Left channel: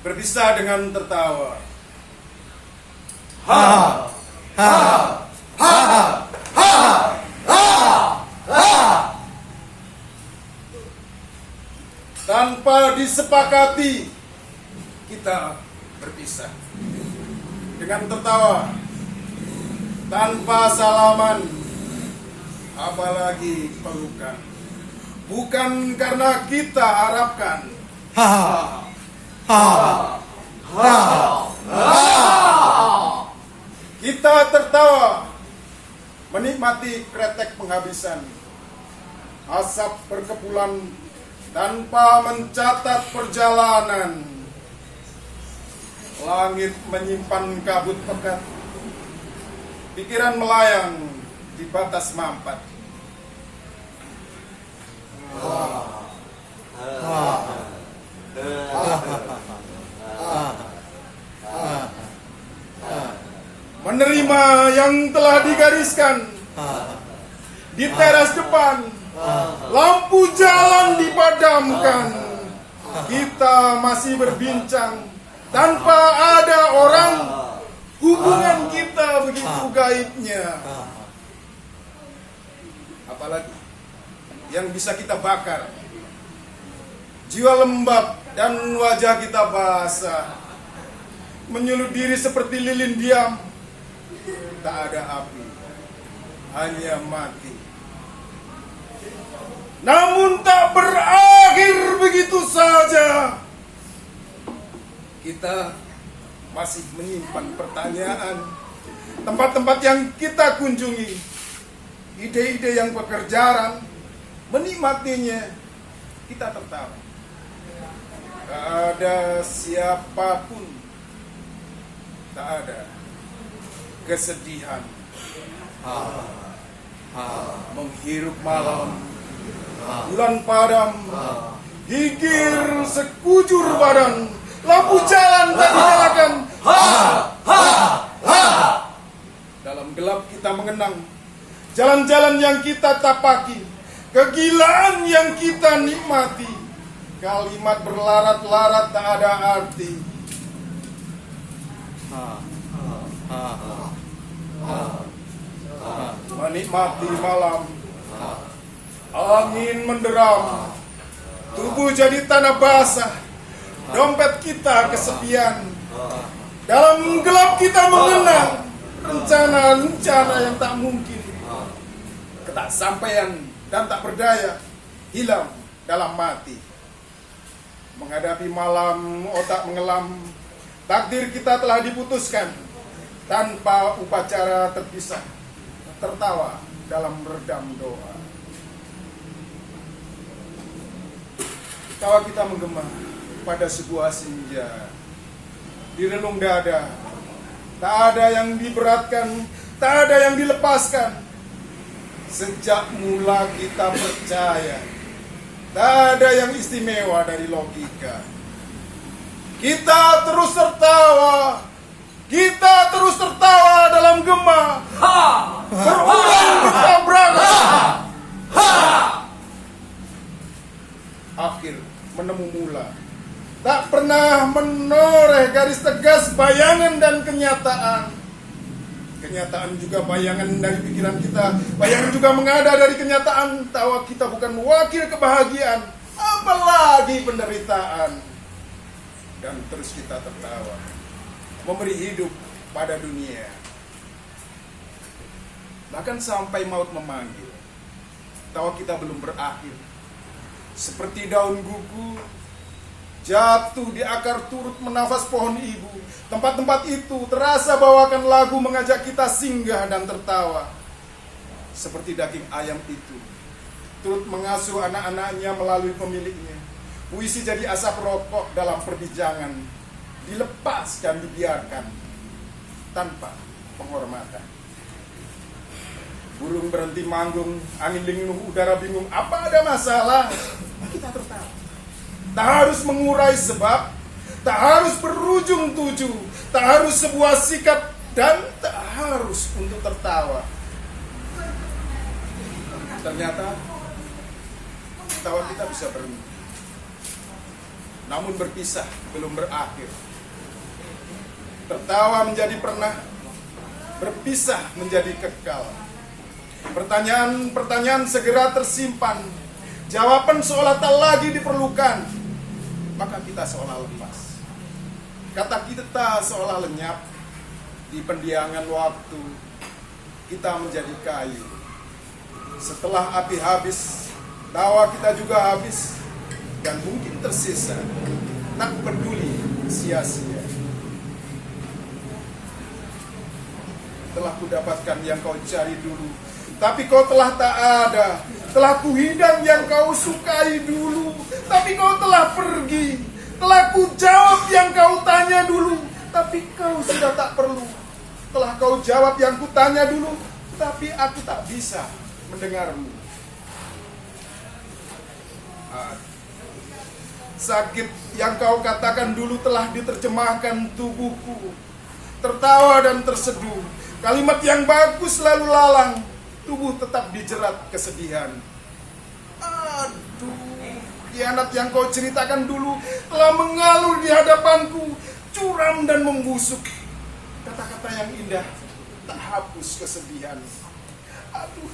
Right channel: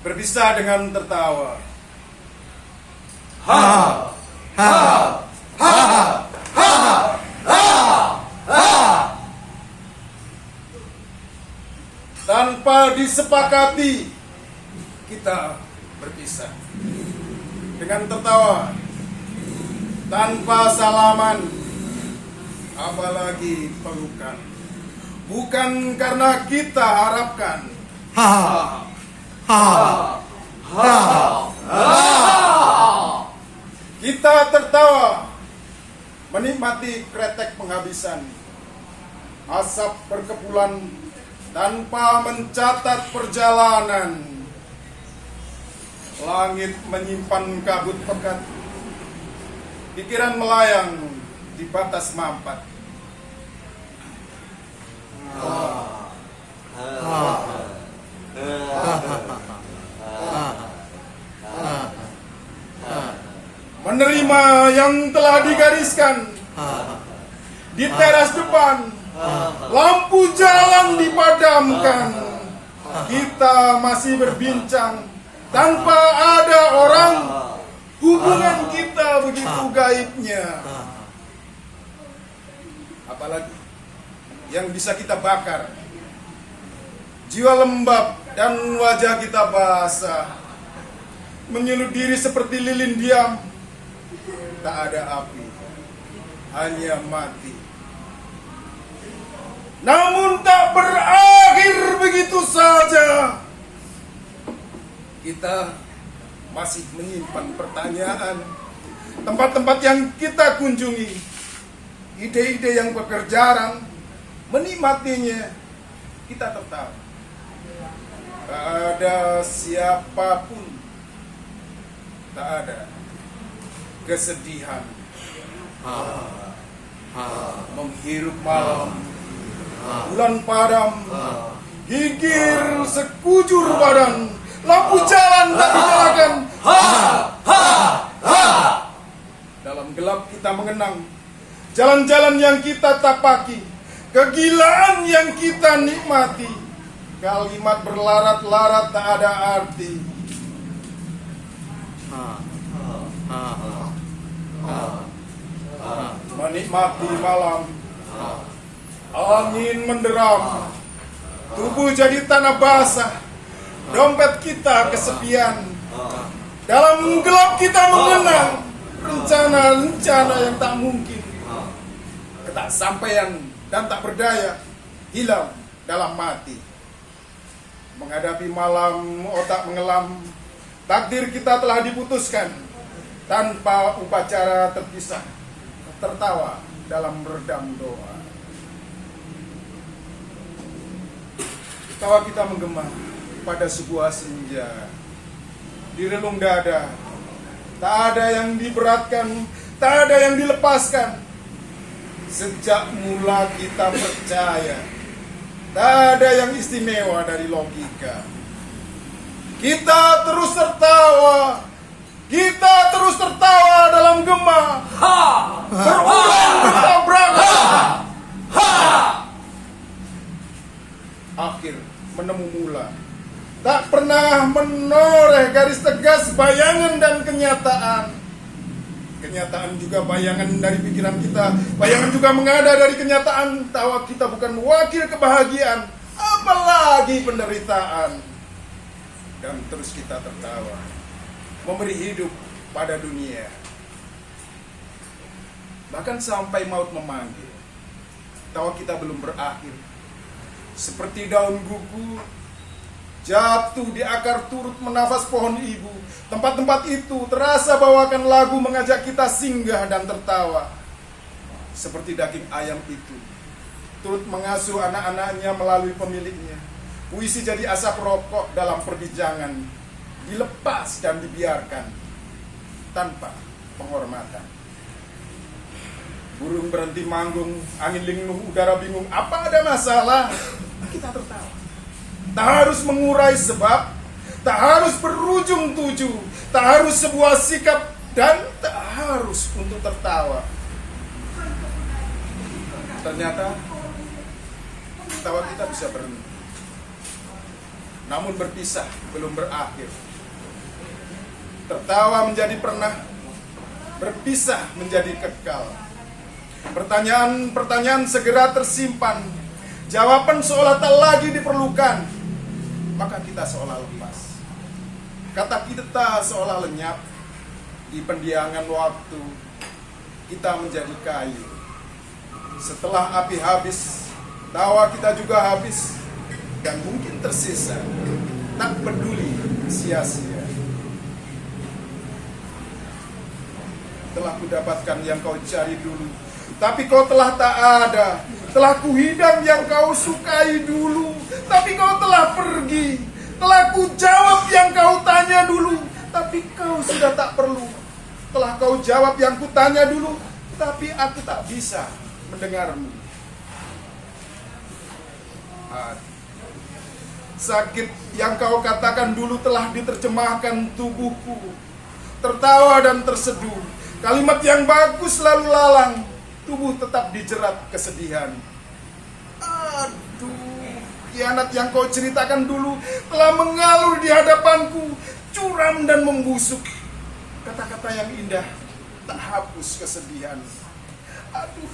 berpisah dengan tertawa. Ha ha ha ha ha ha. Tanpa disepakati, kita berpisah dengan tertawa, tanpa salaman, apalagi pelukan. Bukan karena kita harapkan. Ha ha ha ha. Kita tertawa, menikmati kretek penghabisan, asap berkepulan tanpa mencatat perjalanan. Langit menyimpan kabut pekat, pikiran melayang di batas mampat. Menerima yang telah digariskan di teras depan, lampu jalan dipadamkan. Kita masih berbincang tanpa ada orang. Hubungan kita begitu gaibnya. Apalagi yang bisa kita bakar, jiwa lembab dan wajah kita basah, menyulut diri seperti lilin diam. Tak ada api, hanya mati. Namun tak berakhir begitu saja. Kita masih menyimpan pertanyaan, tempat-tempat yang kita kunjungi, ide-ide yang berkejaran, menikmatinya kita tertawa. Tak ada siapapun, tak ada kesedihan. Menghirup malam, bulan padam, gigir sekujur badan, lampu jalan tak dinyalakan. Dalam gelap kita mengenang jalan-jalan yang kita tapaki, kegilaan yang kita nikmati. Kalimat berlarat-larat tak ada arti. Menikmati malam, angin menderam, tubuh jadi tanah basah, dompet kita kesepian. Dalam gelap kita mengenang rencana-rencana yang tak mungkin. Ketaksampaian dan tak berdaya hilang dalam mati. Menghadapi malam otak mengelam, takdir kita telah diputuskan. Tanpa upacara terpisah, tertawa dalam redam doa. Tawa kita menggema pada sebuah senja. Di relung dada, tak ada yang diberatkan, tak ada yang dilepaskan. Sejak mula kita percaya, tak ada yang istimewa dari logika. Kita terus tertawa, kita terus tertawa dalam gema. Berulang bertabrakan. Akhir menemu mula. Tak pernah menoreh garis tegas bayangan dan kenyataan. Kenyataan juga bayangan dari pikiran kita. Bayangan juga mengada dari kenyataan. Tawa kita bukan wakil kebahagiaan, apalagi penderitaan. Dan terus kita tertawa, memberi hidup pada dunia. Bahkan sampai maut memanggil, tawa kita belum berakhir. Seperti daun gugur jatuh di akar turut menafas pohon ibu. Tempat-tempat itu terasa bawakan lagu mengajak kita singgah dan tertawa. Seperti daging ayam itu turut mengasuh anak-anaknya melalui pemiliknya. Puisi jadi asap rokok dalam perbincangan, dilepas dan dibiarkan tanpa penghormatan. Burung berhenti manggung, angin linglung, udara bingung. Apa ada masalah? Kita tertawa. Tak harus mengurai sebab, tak harus berujung tuju, tak harus sebuah sikap, dan tak harus untuk tertawa. Ternyata tawa kita bisa berhenti. namun berpisah belum berakhir. Tertawa menjadi pernah, berpisah menjadi kekal. Pertanyaan-pertanyaan segera tersimpan, jawaban seolah tak lagi diperlukan, maka kita seolah lepas. Kata kita seolah lenyap, di pendiangan waktu kita menjadi kayu. Setelah api habis, tawa kita juga habis, dan mungkin tersisa, tak peduli sia-sia. Telah kudapatkan yang kau cari dulu, tapi kau telah tak ada. Telah kuhidang yang kau sukai dulu, tapi kau telah pergi. Telah kujawab yang kau tanya dulu, tapi kau sudah tak perlu. Telah kau jawab yang kutanya dulu, tapi aku tak bisa mendengarmu. Sakit yang kau katakan dulu telah diterjemahkan tubuhku. Tertawa dan terseduh, kalimat yang bagus lalu lalang, tubuh tetap dijerat kesedihan. Aduh, khianat yang kau ceritakan dulu telah mengalur di hadapanku, curam dan membusuk. Kata-kata yang indah tak hapus kesedihan. Aduh,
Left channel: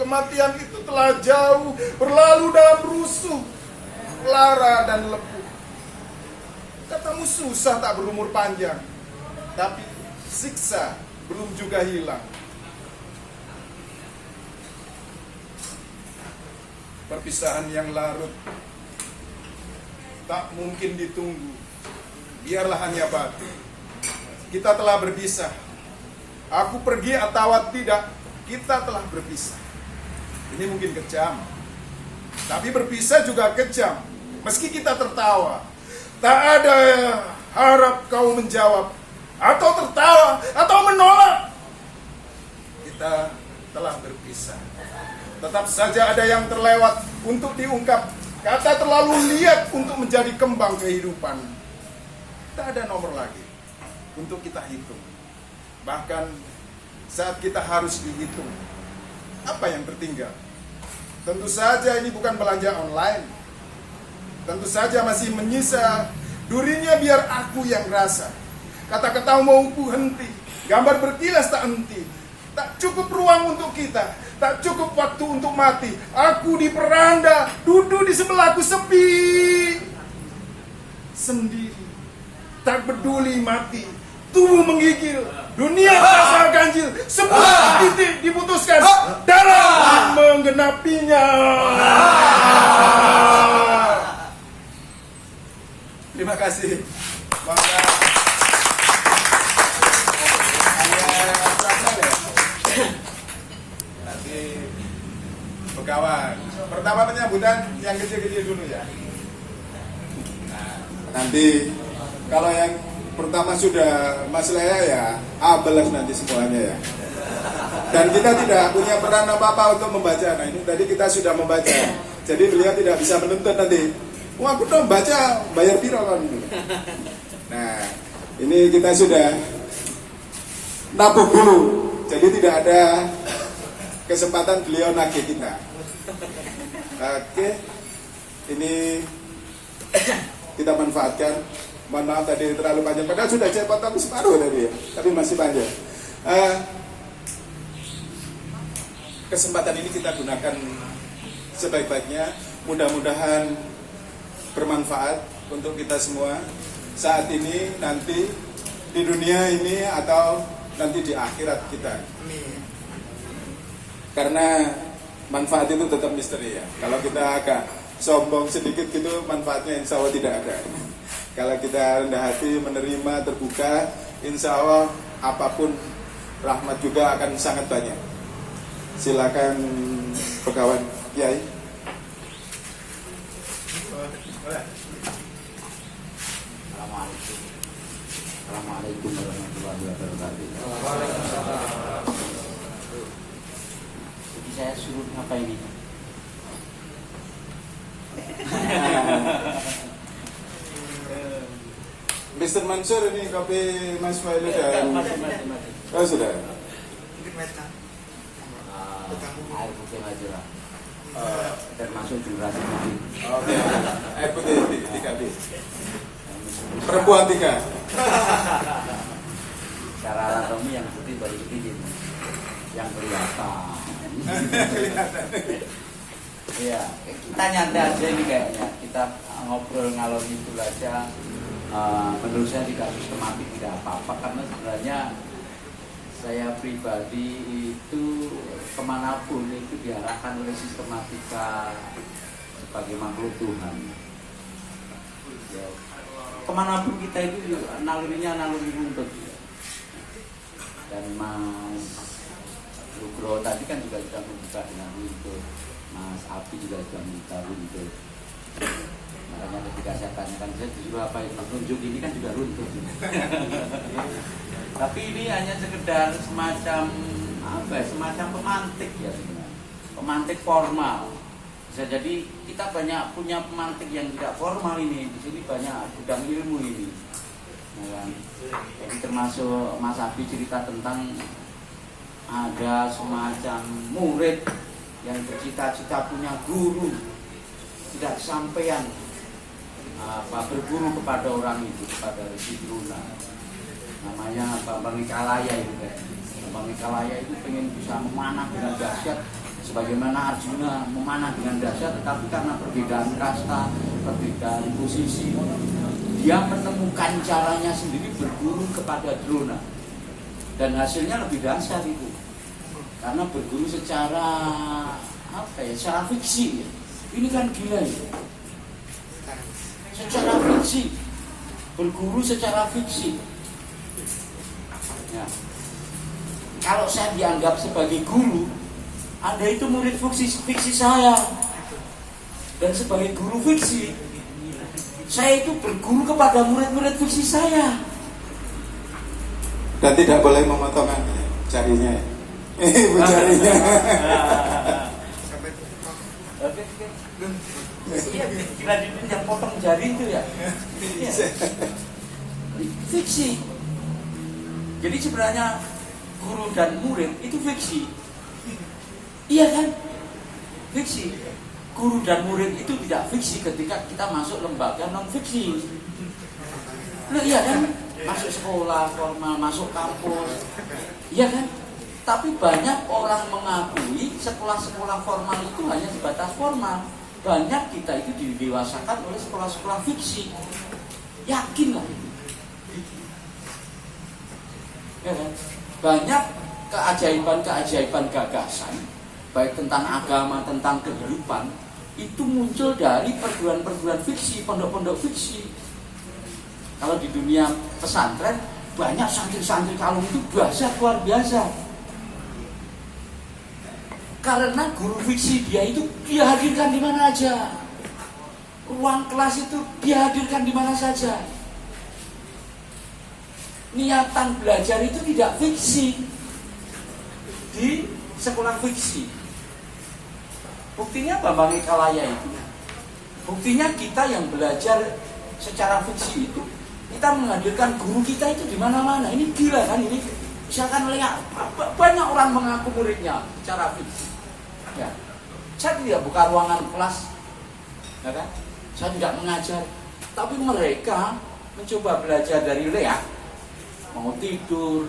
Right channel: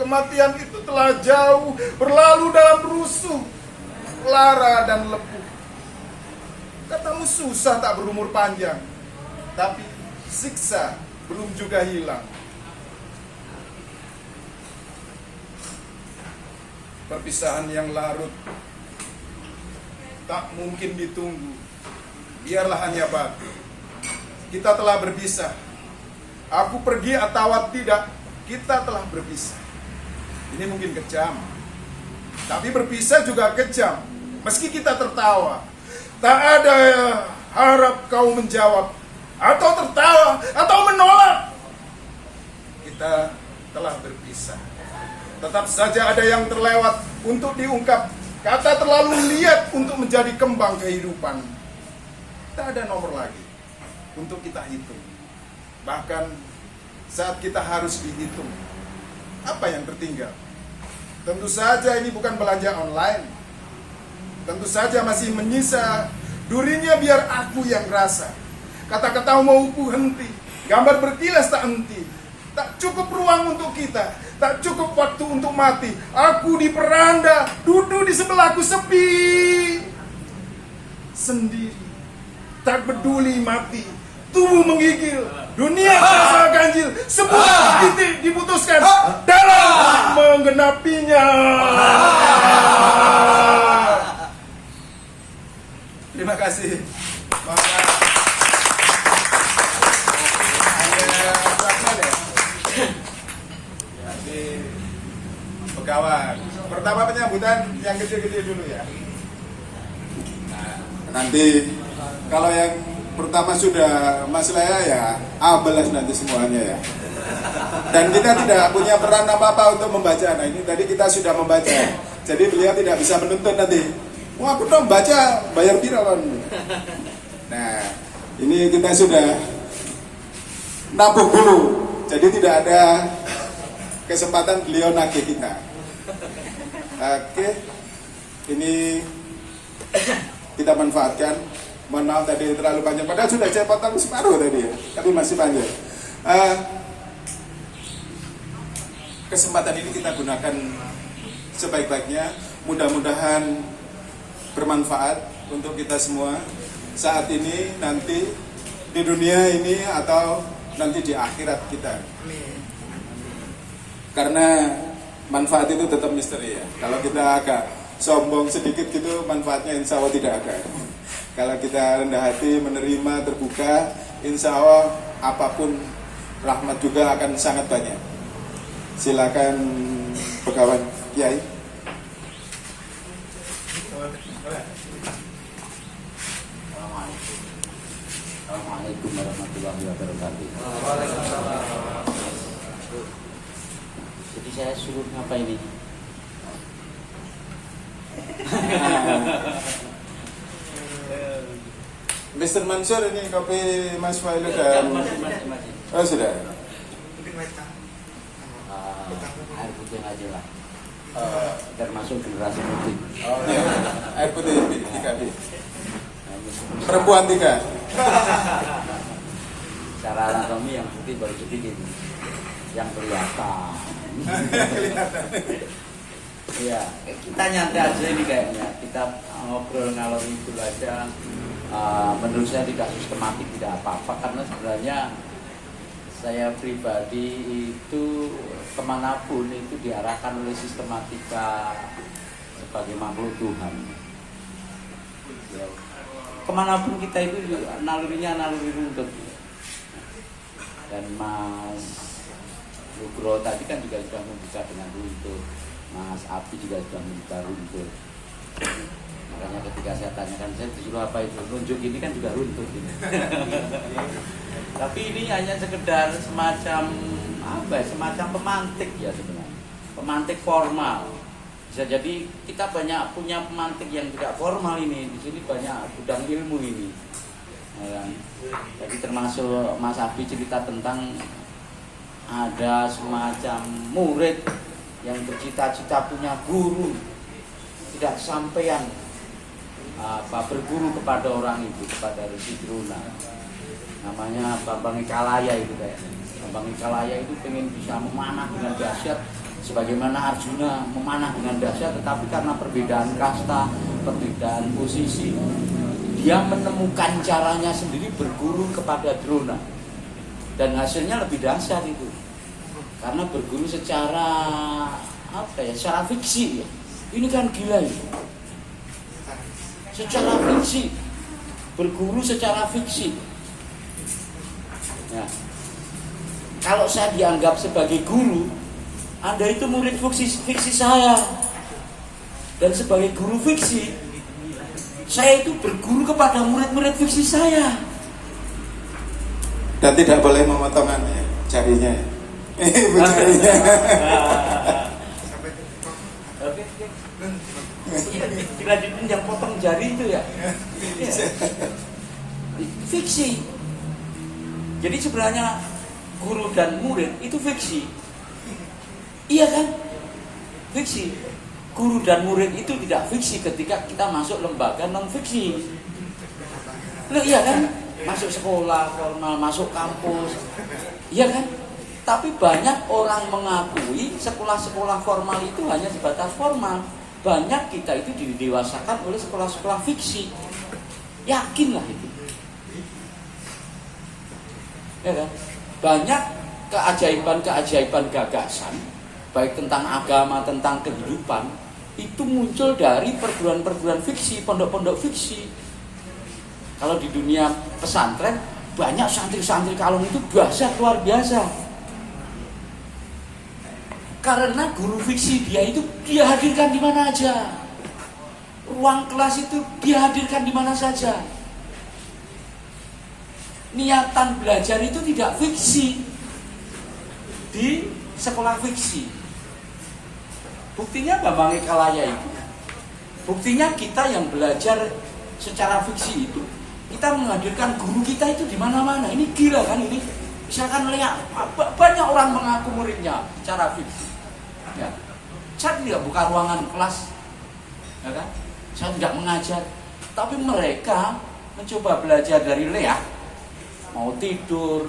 kematian itu telah jauh berlalu dalam rusuh, lara dan lepuh. Katamu susah tak berumur panjang, tapi siksa belum juga hilang. Perpisahan yang larut tak mungkin ditunggu, biarlah hanya batu. Kita telah berpisah. Aku pergi atau tidak, kita telah berpisah. Ini mungkin kejam, tapi berpisah juga kejam. Meski kita tertawa, tak ada harap kau menjawab, atau tertawa, atau menolak. Kita telah berpisah. Tetap saja ada yang terlewat untuk diungkap. Kata terlalu liat untuk menjadi kembang kehidupan. Tak ada nomor lagi untuk kita hitung. Bahkan saat kita harus dihitung, apa yang tertinggal? Tentu saja ini bukan belanja online. Tentu saja masih menyisa durinya biar aku yang rasa. Kata-kata mau ku henti, gambar berkilas tak henti. Tak cukup ruang untuk kita, tak cukup waktu untuk mati. Aku di peranda, duduk di sebelahku sepi, sendiri, tak peduli mati. Tubuh menggigil, dunia terasa ganjil. Semua titik diputuskan dalam menggenapinya. Terima kasih. Maka kawan. Pertama penyambutan yang gede-gede dulu ya. Nah, nanti kalau yang pertama sudah Mas Lea ya, abelas nanti semuanya ya. Dan kita tidak punya peran apa-apa untuk membaca. Nah ini tadi kita sudah membaca. Jadi beliau tidak bisa menuntut nanti. Wah aku udah membaca, bayar piro kan. Nah ini kita sudah nabung dulu. Jadi tidak ada kesempatan beliau nagih kita. Oke, ini kita manfaatkan. Mohon maaf tadi terlalu panjang. Padahal sudah saya potong separuh tadi ya, tapi masih panjang. Kesempatan ini kita gunakan sebaik-baiknya. Mudah-mudahan bermanfaat untuk kita semua saat ini, nanti di dunia ini atau nanti di akhirat kita. Karena manfaat itu tetap misteri ya. Kalau kita agak sombong sedikit gitu, manfaatnya insya Allah tidak ada. Kalau kita rendah hati, menerima, terbuka, insya Allah apapun rahmat juga akan sangat banyak. Silakan Pegawai Kiai. Assalamualaikum warahmatullahi wabarakatuh. Jadi saya suruh apa ini? Mr. Mansur, ini kopi Mas Failu dan oh sudah. Air putih aja lah. Termasuk generasi putih. Oh, ya. Air putih ganti. Perempuan 3. Secara anatomi yang putih baru sedikit, yang kelihatan. Iya, kita nyantai aja ini kayaknya. Kita ngobrol ngalor itu aja. Menurut saya tidak sistematik, tidak apa-apa, karena sebenarnya saya pribadi itu kemanapun itu diarahkan oleh sistematika sebagai makhluk Tuhan. Ya. Kemanapun kita itu nalurinya naluri runtut. Dan Mas Lugro tadi kan juga sudah membuka dengan runtut, Mas Abi juga sudah membuka runtut. Makanya ketika saya tanyakan, saya disuruh apa itu runjuk, ini kan juga runtut ini. Tapi ini hanya sekedar semacam apa? Semacam pemantik ya sebenarnya, pemantik formal. Bisa jadi kita banyak punya pemantik yang tidak formal ini. Di sini banyak gudang ilmu ini. Ya. Jadi termasuk Mas Abi cerita tentang ada semacam murid yang bercita-cita punya guru, tidak sampean berguru kepada orang itu, kepada Resi Drona. Namanya Bambang Ikalaya itu kayak. Bambang Ikalaya itu pengen bisa memanah dengan dahsyat sebagaimana Arjuna memanah dengan dahsyat, tetapi karena perbedaan kasta, perbedaan posisi, dia menemukan caranya sendiri berguru kepada Drona. Dan hasilnya lebih dahsyat itu. Karena berguru secara secara fiksi ya. Ini kan gila ya. Secara fiksi, berguru secara fiksi. Nah, kalau saya dianggap sebagai guru, Anda itu murid fiksi saya. Dan sebagai guru fiksi, saya itu berguru kepada murid-murid fiksi saya. Dan tidak boleh memotong jarinya. Jarinya. Bila dipinjam potong jari itu ya. Fiksi. Jadi sebenarnya guru dan murid itu fiksi. Iya kan? Fiksi. Guru dan murid itu tidak fiksi ketika kita masuk lembaga non fiksi. Loh, iya kan? Masuk sekolah formal, masuk kampus. Iya kan? Tapi banyak orang mengakui sekolah-sekolah formal itu hanya sebatas formal. Banyak kita itu didewasakan oleh sekolah-sekolah fiksi. Yakinlah itu. Ya kan? Banyak keajaiban-keajaiban gagasan, baik tentang agama, tentang kehidupan, itu muncul dari perguruan-perguruan fiksi, pondok-pondok fiksi. Kalau di dunia pesantren, banyak santri-santri kalung itu dahsyat luar biasa. Karena guru fiksi dia itu dia hadirkan di mana aja. Ruang kelas itu dia hadirkan di mana saja. Niatan belajar itu tidak fiksi di sekolah fiksi. Buktinya Bambang Ikalaya itu. Buktinya kita yang belajar secara fiksi itu, kita menghadirkan guru kita itu di mana-mana. Ini gila kan ini. Misalkan lihat banyak orang mengaku muridnya secara fiksi. Ya. Saya tidak buka ruangan kelas, ya kan? Saya tidak mengajar, tapi mereka mencoba belajar dari Lea, mau tidur,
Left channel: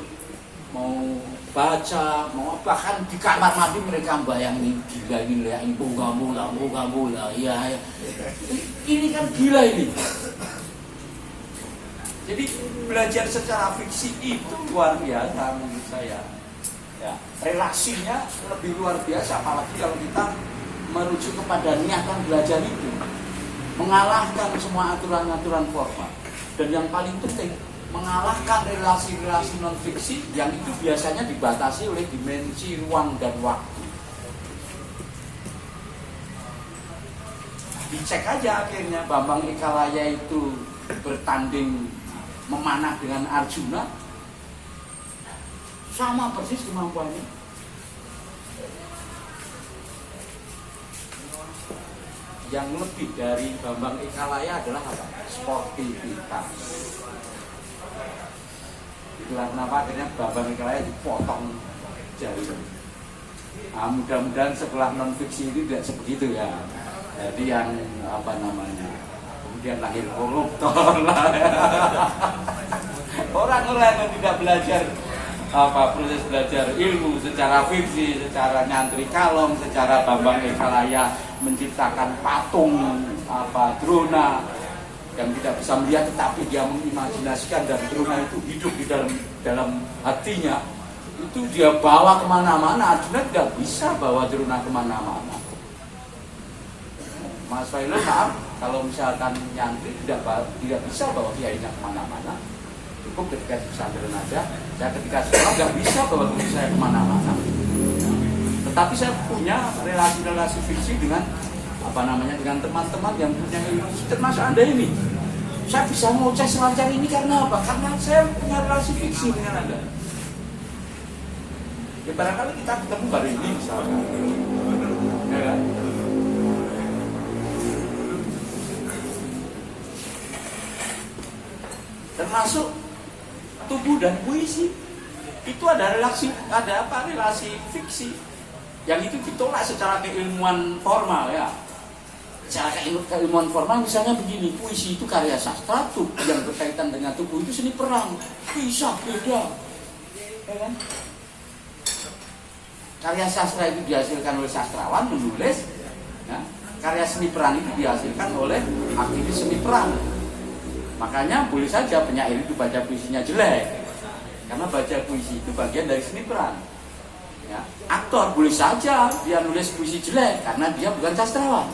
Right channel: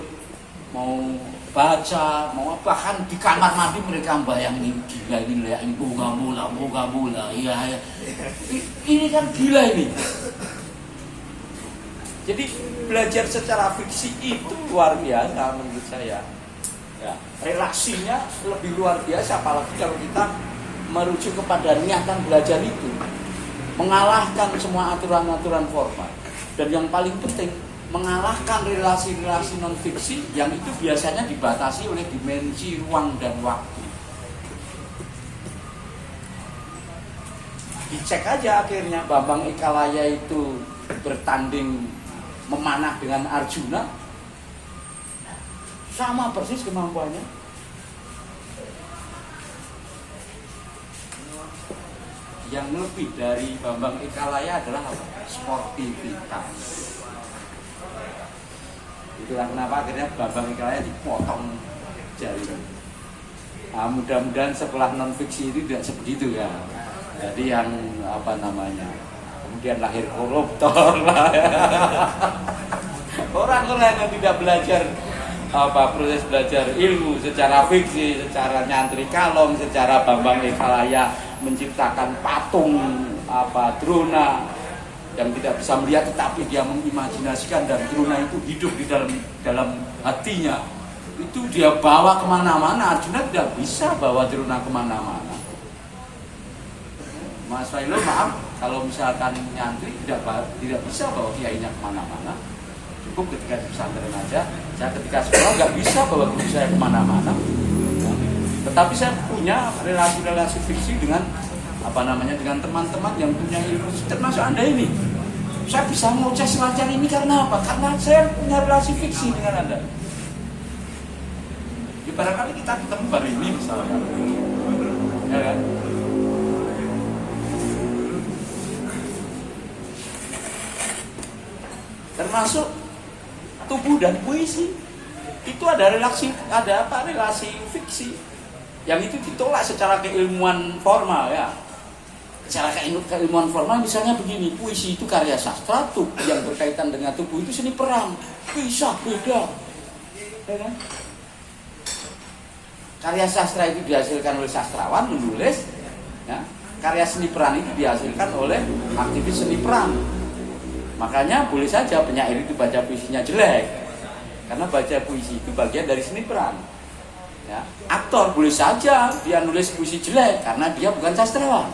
mau baca, mau bahkan di kamar mandi mereka bayangin gila ini Lea, ini bunga mula, ya. Ini kan gila ini. Jadi belajar secara fiksi itu luar biasa menurut saya. Ya, relasinya lebih luar biasa, apalagi kalau kita merujuk kepada niatan belajar itu, mengalahkan semua aturan-aturan formal, dan yang paling penting mengalahkan relasi-relasi non fiksi yang itu biasanya dibatasi oleh dimensi ruang dan waktu. Dicek aja akhirnya Bambang Ikalaya itu bertanding memanah dengan Arjuna, sama persis kemampuannya. Yang lebih dari Bambang Ikalaya adalah apa? Sportivitas. Itulah kenapa akhirnya Bambang Ikalaya dipotong jari. Nah, mudah-mudahan sekolah non fiksi itu tidak seperti itu ya. Jadi yang kemudian lahir koruptor lah. Orang-orang yang tidak belajar proses belajar ilmu secara fiksi, secara nyantri kalong, secara Bambang Ekalaya menciptakan patung Drona yang tidak bisa melihat, tetapi dia mengimajinasikan dan Drona itu hidup di dalam hatinya. Itu dia bawa kemana-mana. Arjuna tidak bisa bawa Drona kemana-mana. Mas Failo, maaf kalau misalkan nyantri tidak bisa bawa kiainya kemana-mana. Cukup ketika di pesantren aja. Saya ketika sekolah nggak bisa bawa guru saya kemana-mana. Tetapi saya punya relasi-relasi fiksi dengan dengan teman-teman yang punya ilmu, termasuk Anda ini. Saya bisa ngoceh semacam ini karena apa? Karena saya punya relasi fiksi dengan Anda. Ya barangkali kita ketemu baru ini misalnya. Ya. Termasuk tubuh dan puisi itu ada relasi fiksi yang itu ditolak secara keilmuan formal ya. Secara keilmuan formal misalnya begini, puisi itu karya sastra, tubuh yang berkaitan dengan tubuh itu seni perang, bisa beda. Ya kan? Karya sastra itu dihasilkan oleh sastrawan menulis, ya. Karya seni peran itu dihasilkan oleh aktivis seni perang. Makanya boleh saja penyair itu baca puisinya jelek, karena baca puisi itu bagian dari seni peran. Ya. Aktor boleh saja dia nulis puisi jelek, karena dia bukan sastrawan.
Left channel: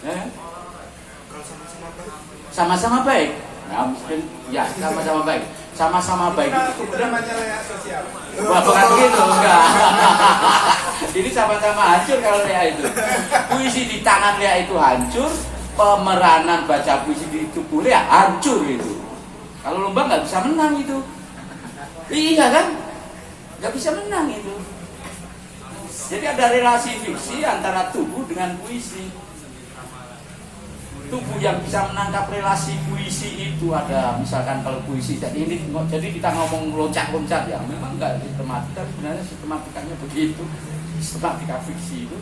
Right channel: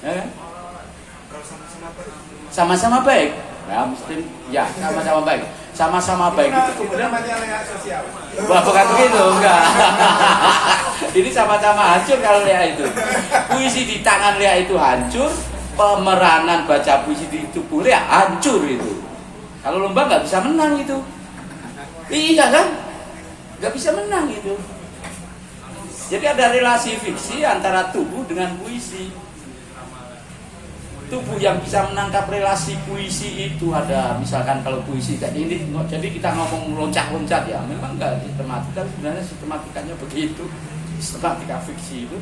Ya. Sama-sama baik. Nah, mungkin ya sama-sama baik. Sama-sama baik itu udah majalah sosial. Wah, bukan begitu, enggak. Ini sama-sama hancur kalau Lea itu. Puisi di tangan Lea itu hancur, pemeranan baca puisi di tubuh Lea hancur itu. Kalau lomba nggak bisa menang itu. Iya kan? Nggak bisa menang itu. Jadi ada relasi fiksi antara tubuh dengan puisi. Tubuh yang bisa menangkap relasi puisi itu ada, misalkan kalau puisi tadi ini, jadi kita ngomong loncat-loncat ya, memang nggak sistematika, sebenarnya sistematikanya begitu, sistematika fiksi itu.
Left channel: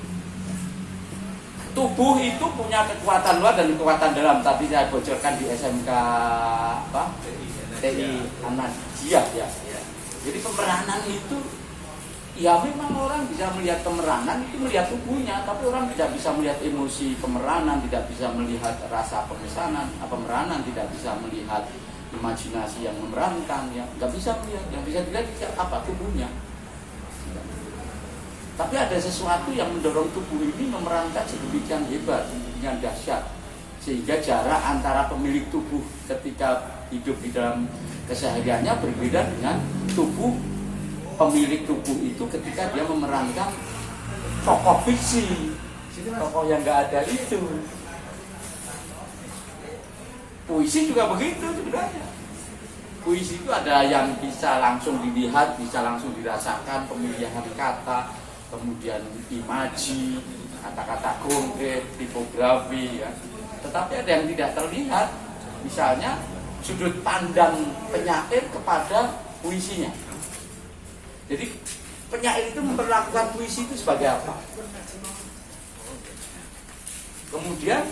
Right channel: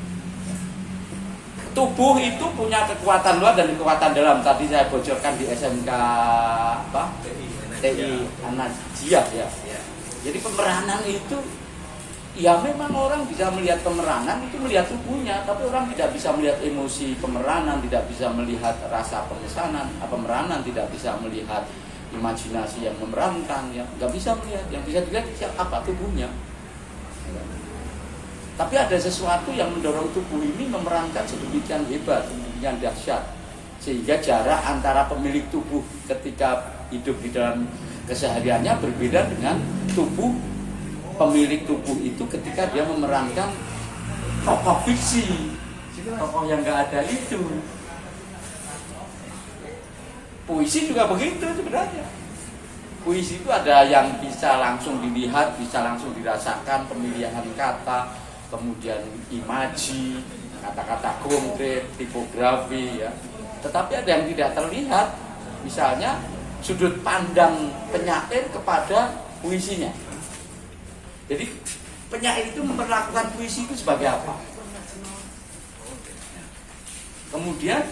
Tubuh itu punya kekuatan luar dan kekuatan dalam. Tadi saya bocorkan di SMK TI Anajia ya. Jadi pemeranan itu ya memang orang bisa melihat pemeranan itu melihat tubuhnya, tapi orang tidak bisa melihat emosi pemeranan, tidak bisa melihat rasa pemeranan, tidak bisa melihat imajinasi yang memerankan, yang nggak bisa melihat, yang bisa dilihat apa tubuhnya. Tapi ada sesuatu yang mendorong tubuh ini memerankan sedemikian hebat, sedemikian dahsyat, sehingga jarak antara pemilik tubuh ketika hidup di dalam kesehariannya berbeda dengan tubuh pemilik tubuh itu ketika dia memerankan tokoh fiksi, tokoh yang nggak ada itu. Puisi juga begitu sebenarnya. Puisi itu ada yang bisa langsung dilihat, bisa langsung dirasakan, pemilihan kata, kemudian imaji, kata-kata konkret, tipografi ya. Tetapi ada yang tidak terlihat, misalnya sudut pandang penyair kepada puisinya. Jadi penyair itu memperlakukan puisi itu sebagai apa? Kemudian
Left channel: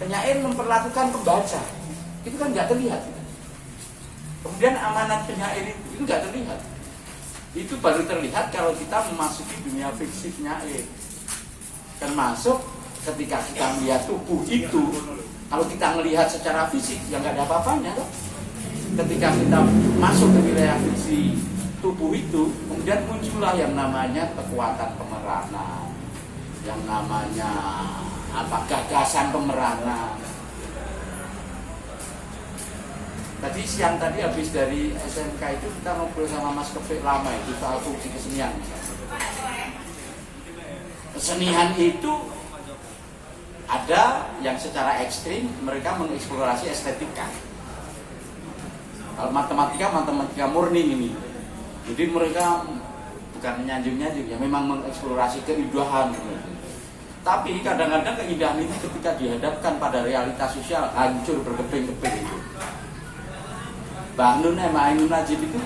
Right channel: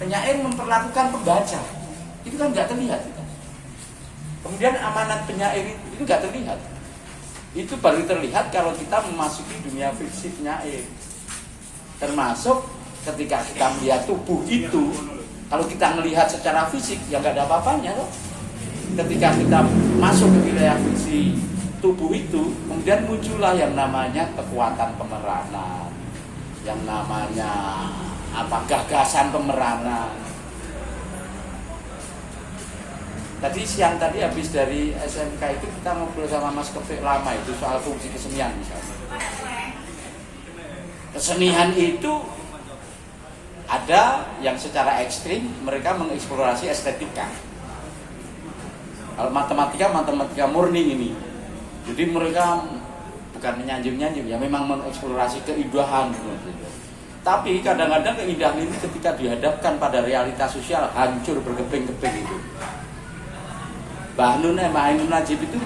penyair memperlakukan pembaca, itu kan nggak terlihat. Kemudian amanat penyair itu nggak terlihat. Itu baru terlihat kalau kita memasuki dunia fiksi penyair. Termasuk ketika kita melihat tubuh itu, kalau kita melihat secara fisik ya nggak ada apa-apanya loh. Ketika kita masuk ke wilayah fiksi tubuh itu, kemudian muncullah yang namanya kekuatan pemeranan, yang namanya gagasan pemeranan. Tadi siang tadi habis dari SMK itu kita ngobrol sama Mas Kefik lama itu soal fungsi kesenian misalnya. Kesenian itu ada yang secara ekstrim mereka mengeksplorasi estetika. Kalau matematika murni ini. Jadi mereka bukan menyanjung-nyanjung, ya memang mengeksplorasi keindahan. Tapi kadang-kadang keindahan itu ketika dihadapkan pada realitas sosial hancur berkeping-keping itu. Mbah Nun Ainun Najib itu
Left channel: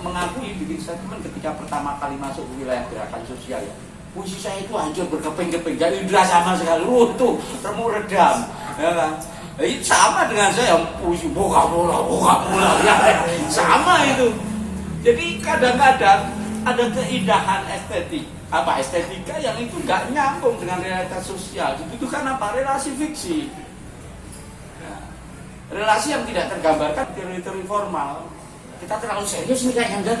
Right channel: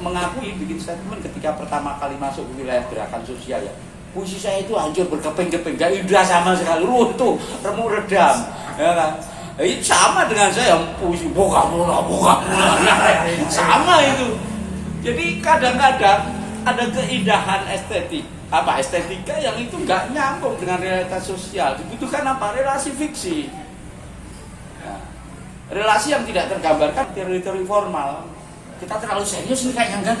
mengakui bikin statement ketika pertama kali masuk ke wilayah gerakan sosial ya. Puisi saya itu hancur berkeping-keping, gak indah sama sekali, runtuh, remuk redam. Ya kan? Itu sama dengan saya puisi bola, sama itu. Jadi kadang-kadang ada keindahan estetika yang itu nggak nyambung dengan realitas sosial. Itu kan apa? Relasi fiksi. Ya. Relasi yang tidak tergambarkan teori-teori formal. Kita terlalu serius nih kayak enggak.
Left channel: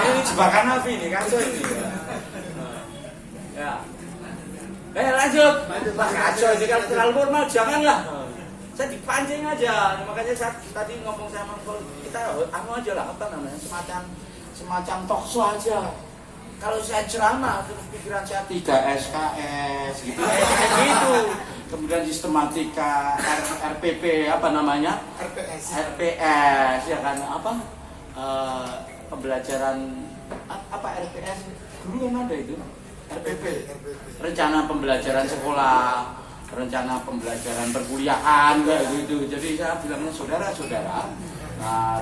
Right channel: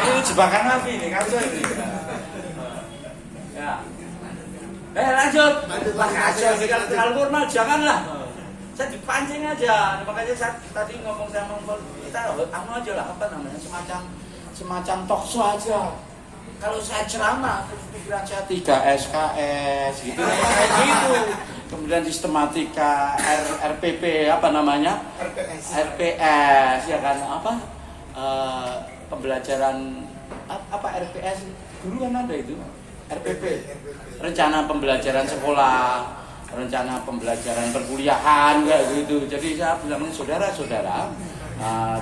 Ini jebakan apa ini? Kacau ini. Ya. Lanjut. Pas kacau ini kalau terlalu formal janganlah. Saya dipancing aja. Makanya saya tadi ngomong sama kita aja lah apa namanya semacam talk show aja. Kalau saya ceramah, terus pikiran saya 3 SKS gitu. Gitu. Kemudian sistematika RPP apa namanya? RPS ya kan apa? Pembelajaran apa RPS? Dulu kan ada itu. RPP. Rencana pembelajaran sekolah, rencana pembelajaran perkuliahan kayak gitu. Jadi saya bilangnya saudara-saudara,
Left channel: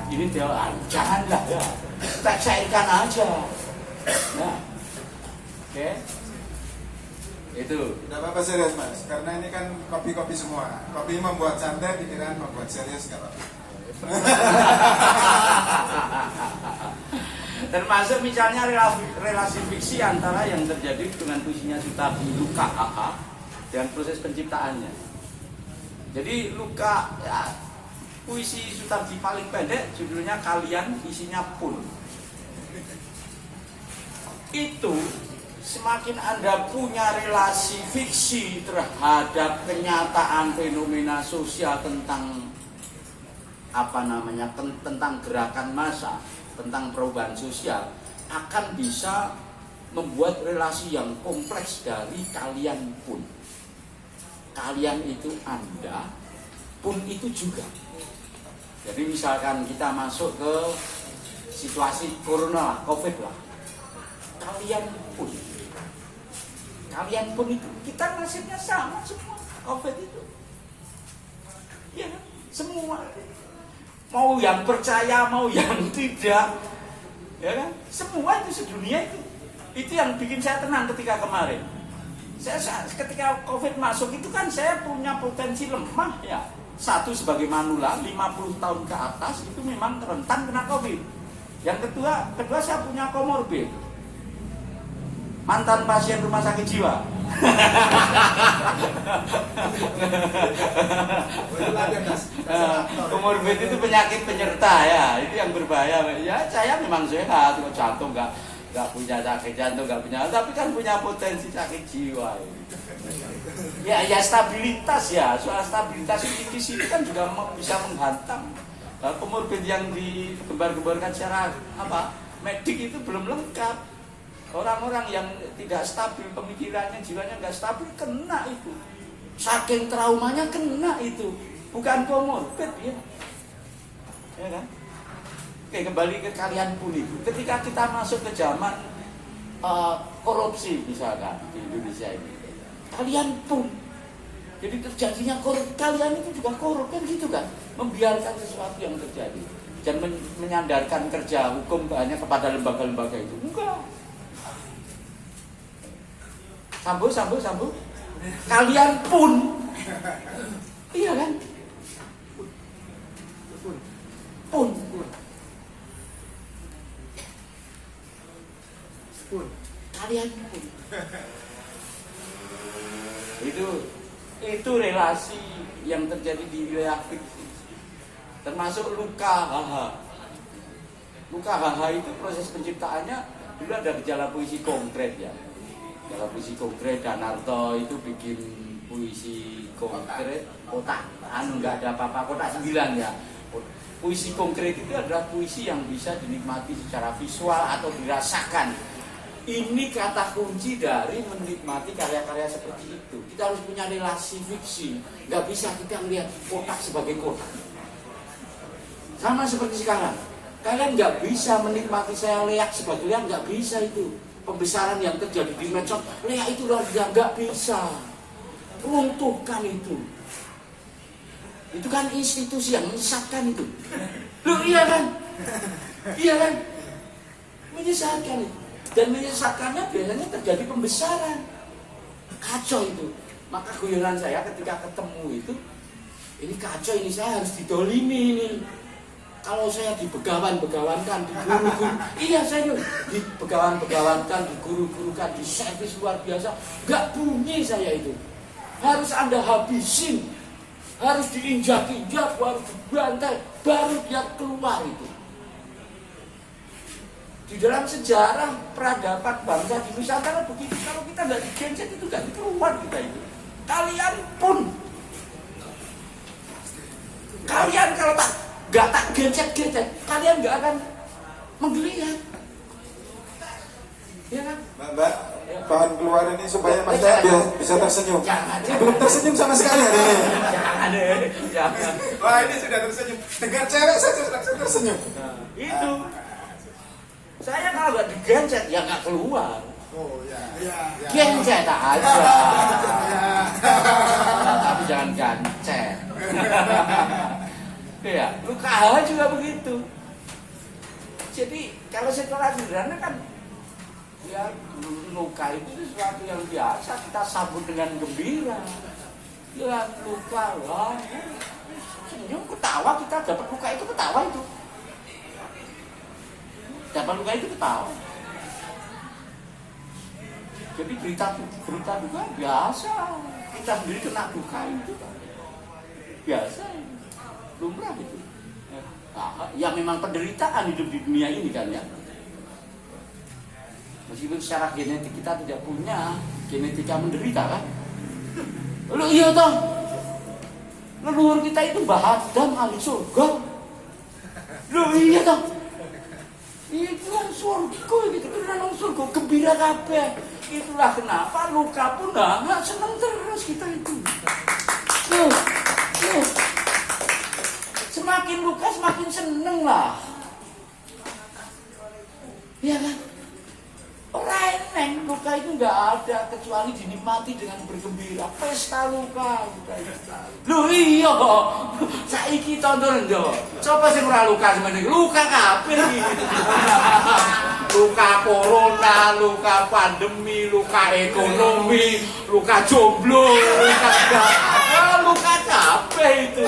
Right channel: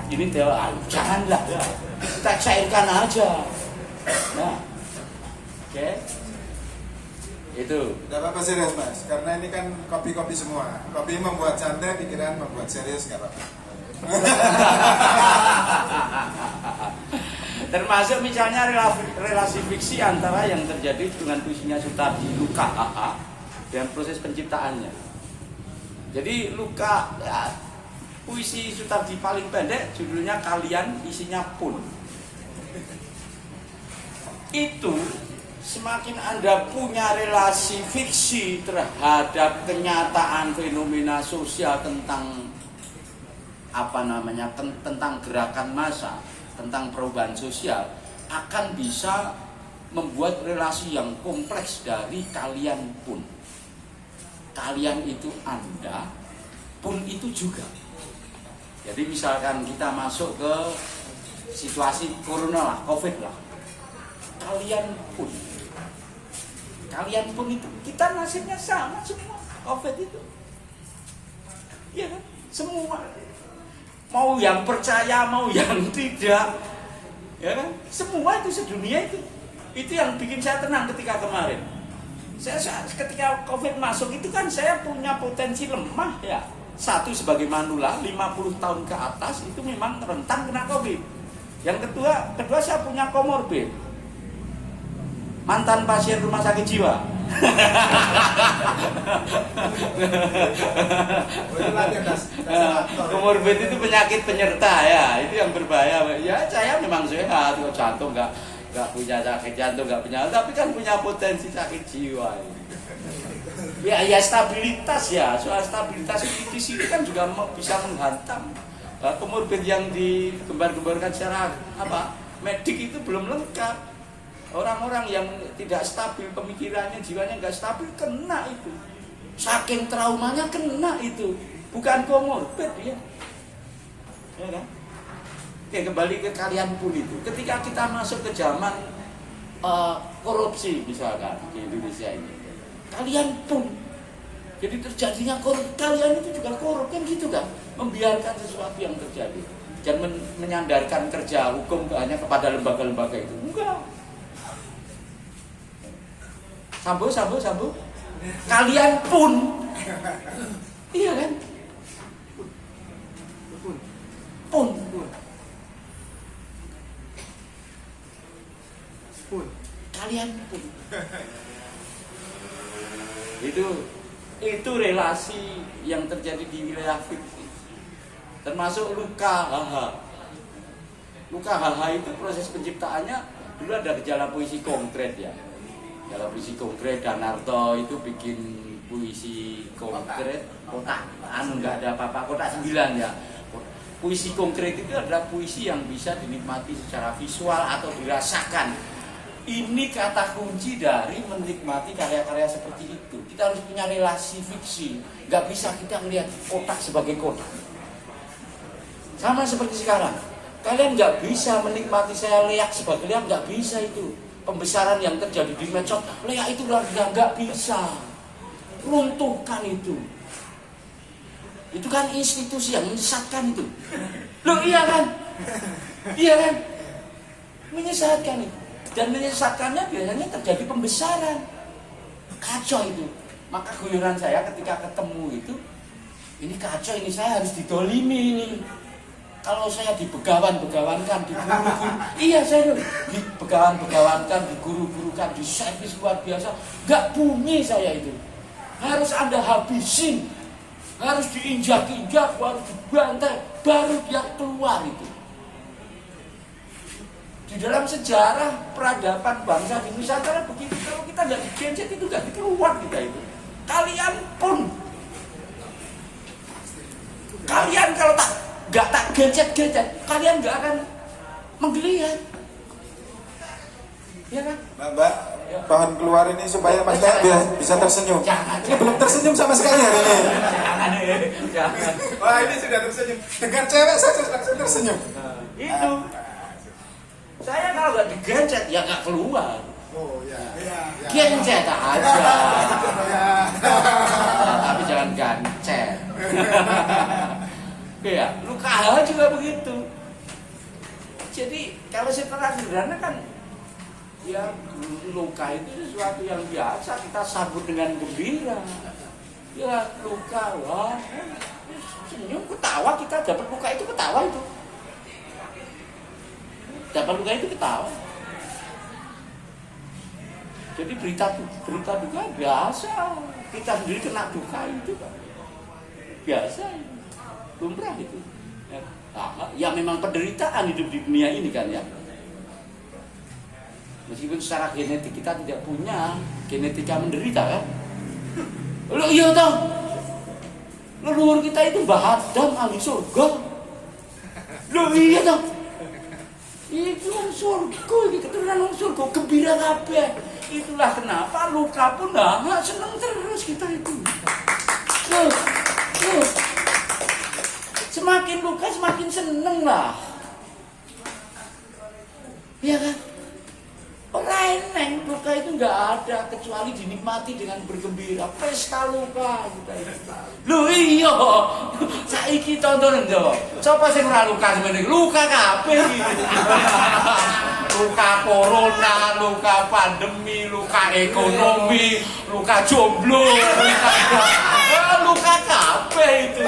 ini dia janganlah kita cairkan aja. Nah, oke. Itu. Tidak apa-apa serius mas, karena ini kan kopi-kopi semua. Kopi membuat santai, pikiran membuat serius nggak apa-apa. Termasuk misalnya relasi fiksi antara yang terjadi dengan puisinya Sutardi Luka dan proses penciptaannya. Jadi Luka ya, puisi Sutardi paling pendek judulnya Kalian, isinya Pun. Itu semakin Anda punya relasi fiksi terhadap kenyataan fenomena sosial tentang apa namanya tentang gerakan massa, tentang perubahan sosial, akan bisa membuat relasi yang kompleks dari kalian pun. Kalian itu Anda, pun itu juga. Jadi misalkan kita masuk ke situasi corona lah, COVID lah. Kalian pun itu kita nasibnya sama semua COVID itu. Ya, semua. Mau yang percaya, mau yang tidak, ya kan? Semua itu sedunia itu. Itu yang bikin saya tenang ketika kemarin. Saya ketika COVID masuk itu kan saya punya potensi lemah ya. Satu sebagai manula 50 tahun ke atas itu memang rentan kena COVID. Yang kedua saya punya komorbid. Mantan pasien rumah sakit jiwa. Komorbid itu penyakit penyerta ya, itu yang berbahaya. Ya saya memang sehat, jantung nggak punya sakit jantung, nggak punya, tapi kan punya potensi sakit jiwa. Ya stabilitas ya, soal stabilitas itu di sini kan juga bisa menghantam. Komorbid yang digembar-gemborkan secara medik itu belum lengkap. Orang-orang yang tidak stabil pemikirannya, jiwanya nggak stabil, kena itu. Saking traumanya kena itu. Bukan komorbid ya. Ya kan? Oke, kembali ke kalian pun itu. Ketika kita masuk ke zaman korupsi misalkan di Indonesia ini, kalian pun. Jadi terjadinya kalian itu juga korup kan gitu kan? Membiarkan sesuatu yang terjadi. Jangan menyandarkan kerja hukum hanya kepada lembaga-lembaga itu. Enggak. Sambung. Kalian pun. Iya kan? Pun. Kalian pun. Itu relasi yang terjadi di wilayah fiksi. Termasuk Luka Haha itu proses penciptaannya dulu ada gejala puisi konkret ya. Dalam puisi konkret Danarto itu bikin puisi konkret kotak, nggak ada apa-apa, kotak 9 ya. Puisi konkret itu adalah puisi yang bisa dinikmati secara visual atau dirasakan. Ini kata kunci dari menikmati karya-karya seperti itu. Kita harus punya relasi fiksi. Nggak bisa kita melihat kotak sebagai kotak. Sama seperti sekarang. Kalian nggak bisa menikmati saya leak sebagai leak, nggak bisa itu. Pembesaran yang terjadi di medsos, leak itu nggak bisa. Runtuhkan itu. Itu kan institusi yang menyesatkan itu. Loh iya kan? Iya kan? Menyesatkan itu. Dan menyesatkannya biasanya terjadi pembesaran. Kacau itu. Maka guyonan saya ketika ketemu itu, ini kacau, ini saya harus didolimi ini. Kalau saya dibegawan-begawankan, diguru-guru, iya saya dibegawan-begawankan, diguru-gurukan, diservis luar biasa, nggak bunyi saya itu. Harus Anda habisin, harus diinjak-injak, harus dibantai, baru dia keluar itu. Di dalam sejarah peradaban bangsa di Nusantara begitu, kalau kita nggak digencet itu nggak keluar kita itu. Kalian pun, kalian kalau nggak tak gencet-gencet, kalian nggak akan menggeliat, ya kan? Mbak, bahan keluar ini supaya Mas dia bisa tersenyum. Jangan. Ini belum tersenyum sama sekali hari ini. Jangan. Wah, ini sudah tersenyum. Dengan cewek saja langsung tersenyum. Itu. Saya kalau nggak digencet ya nggak keluar. Oh ya. Gencet aja. Tapi jangan gancet. Ya, luka hal juga begitu. Jadi kalau secara sederhana kan, ya luka itu sesuatu yang biasa kita sambut dengan gembira. Ya luka, wah, senyum, ketawa, kita dapat luka itu ketawa itu. Dapat luka itu ketawa. Jadi berita duka biasa. Kita sendiri kena duka itu biasa, lumrah itu. Ya memang penderitaan hidup di dunia ini kan ya. Meskipun secara genetik kita tidak punya genetika menderita kan. Loh iya toh. Leluhur kita itu Adam ahli surga. Loh iya toh. Itu surga gitu, karena surga gembira kabeh. Itulah kenapa luka pun nggak senang terus kita itu. Semakin luka semakin seneng lah. Iya kan? Reneng luka itu nggak ada kecuali dinikmati dengan bergembira. Pesta luka gitu. Loh iya, saiki tonton ndo. Coba sing ora luka semene luka kabeh iki. Luka corona, luka pandemi, luka ekonomi, luka jomblo, luka kabeh itu.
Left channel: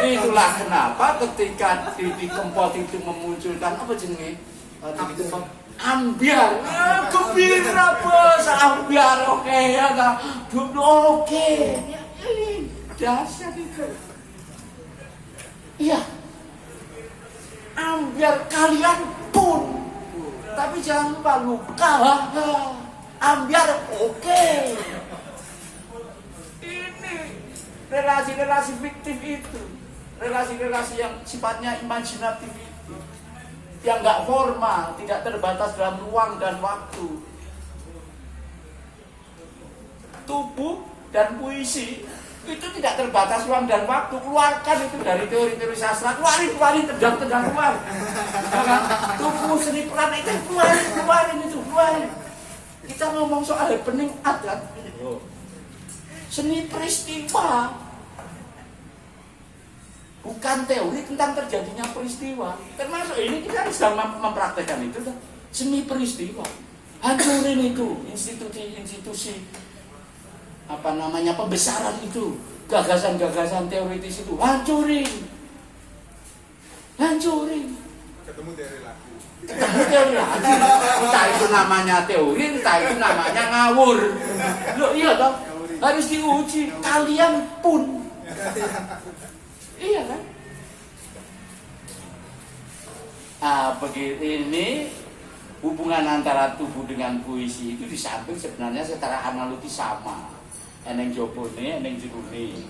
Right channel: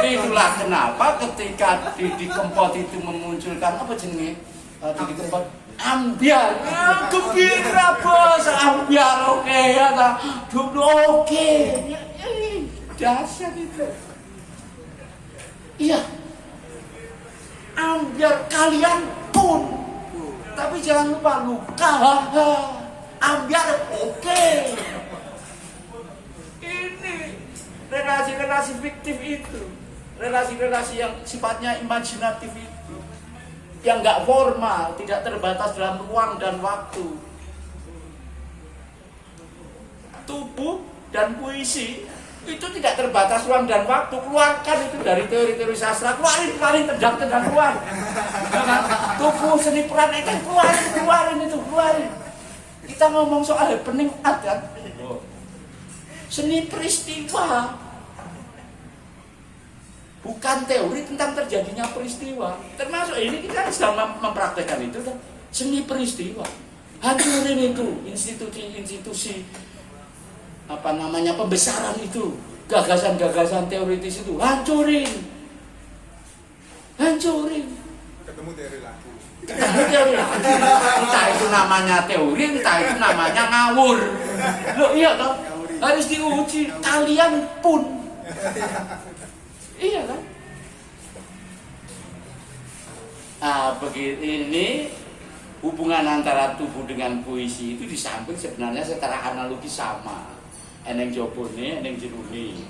Itulah kenapa ketika di Kempot itu memunculkan apa jenenge? Di Kempot ambiar, ya gembira bos, ambiar oke ya tak, jomblo oke, ya, dahsyat itu. Iya, ambiar kalian pun, tapi jangan lupa luka, ambiar oke. Ini relasi-relasi fiktif itu, relasi-relasi yang sifatnya imajinatif itu, yang nggak formal, tidak terbatas dalam ruang dan waktu. Tubuh dan puisi itu tidak terbatas ruang dan waktu. Keluarkan itu dari teori-teori sastra, keluarin tendang keluar. Tubuh seni peran itu keluarin. Kita ngomong soal happening adat, seni peristiwa. Bukan teori tentang terjadinya peristiwa. Termasuk ini kita sedang mempraktekkan itu kan. Seni peristiwa. Hancurin itu institusi pembesaran itu. Gagasan-gagasan teoritis itu. Hancurin. Ketemu dari lagu. Entah itu namanya teori, entah itu namanya ngawur. Loh iya toh. Harus diuji. Kalian pun. Iya kan? Nah, begitu ini hubungan antara tubuh dengan puisi itu disamping sebenarnya secara analogi sama. Eneng jopone, eneng jerune.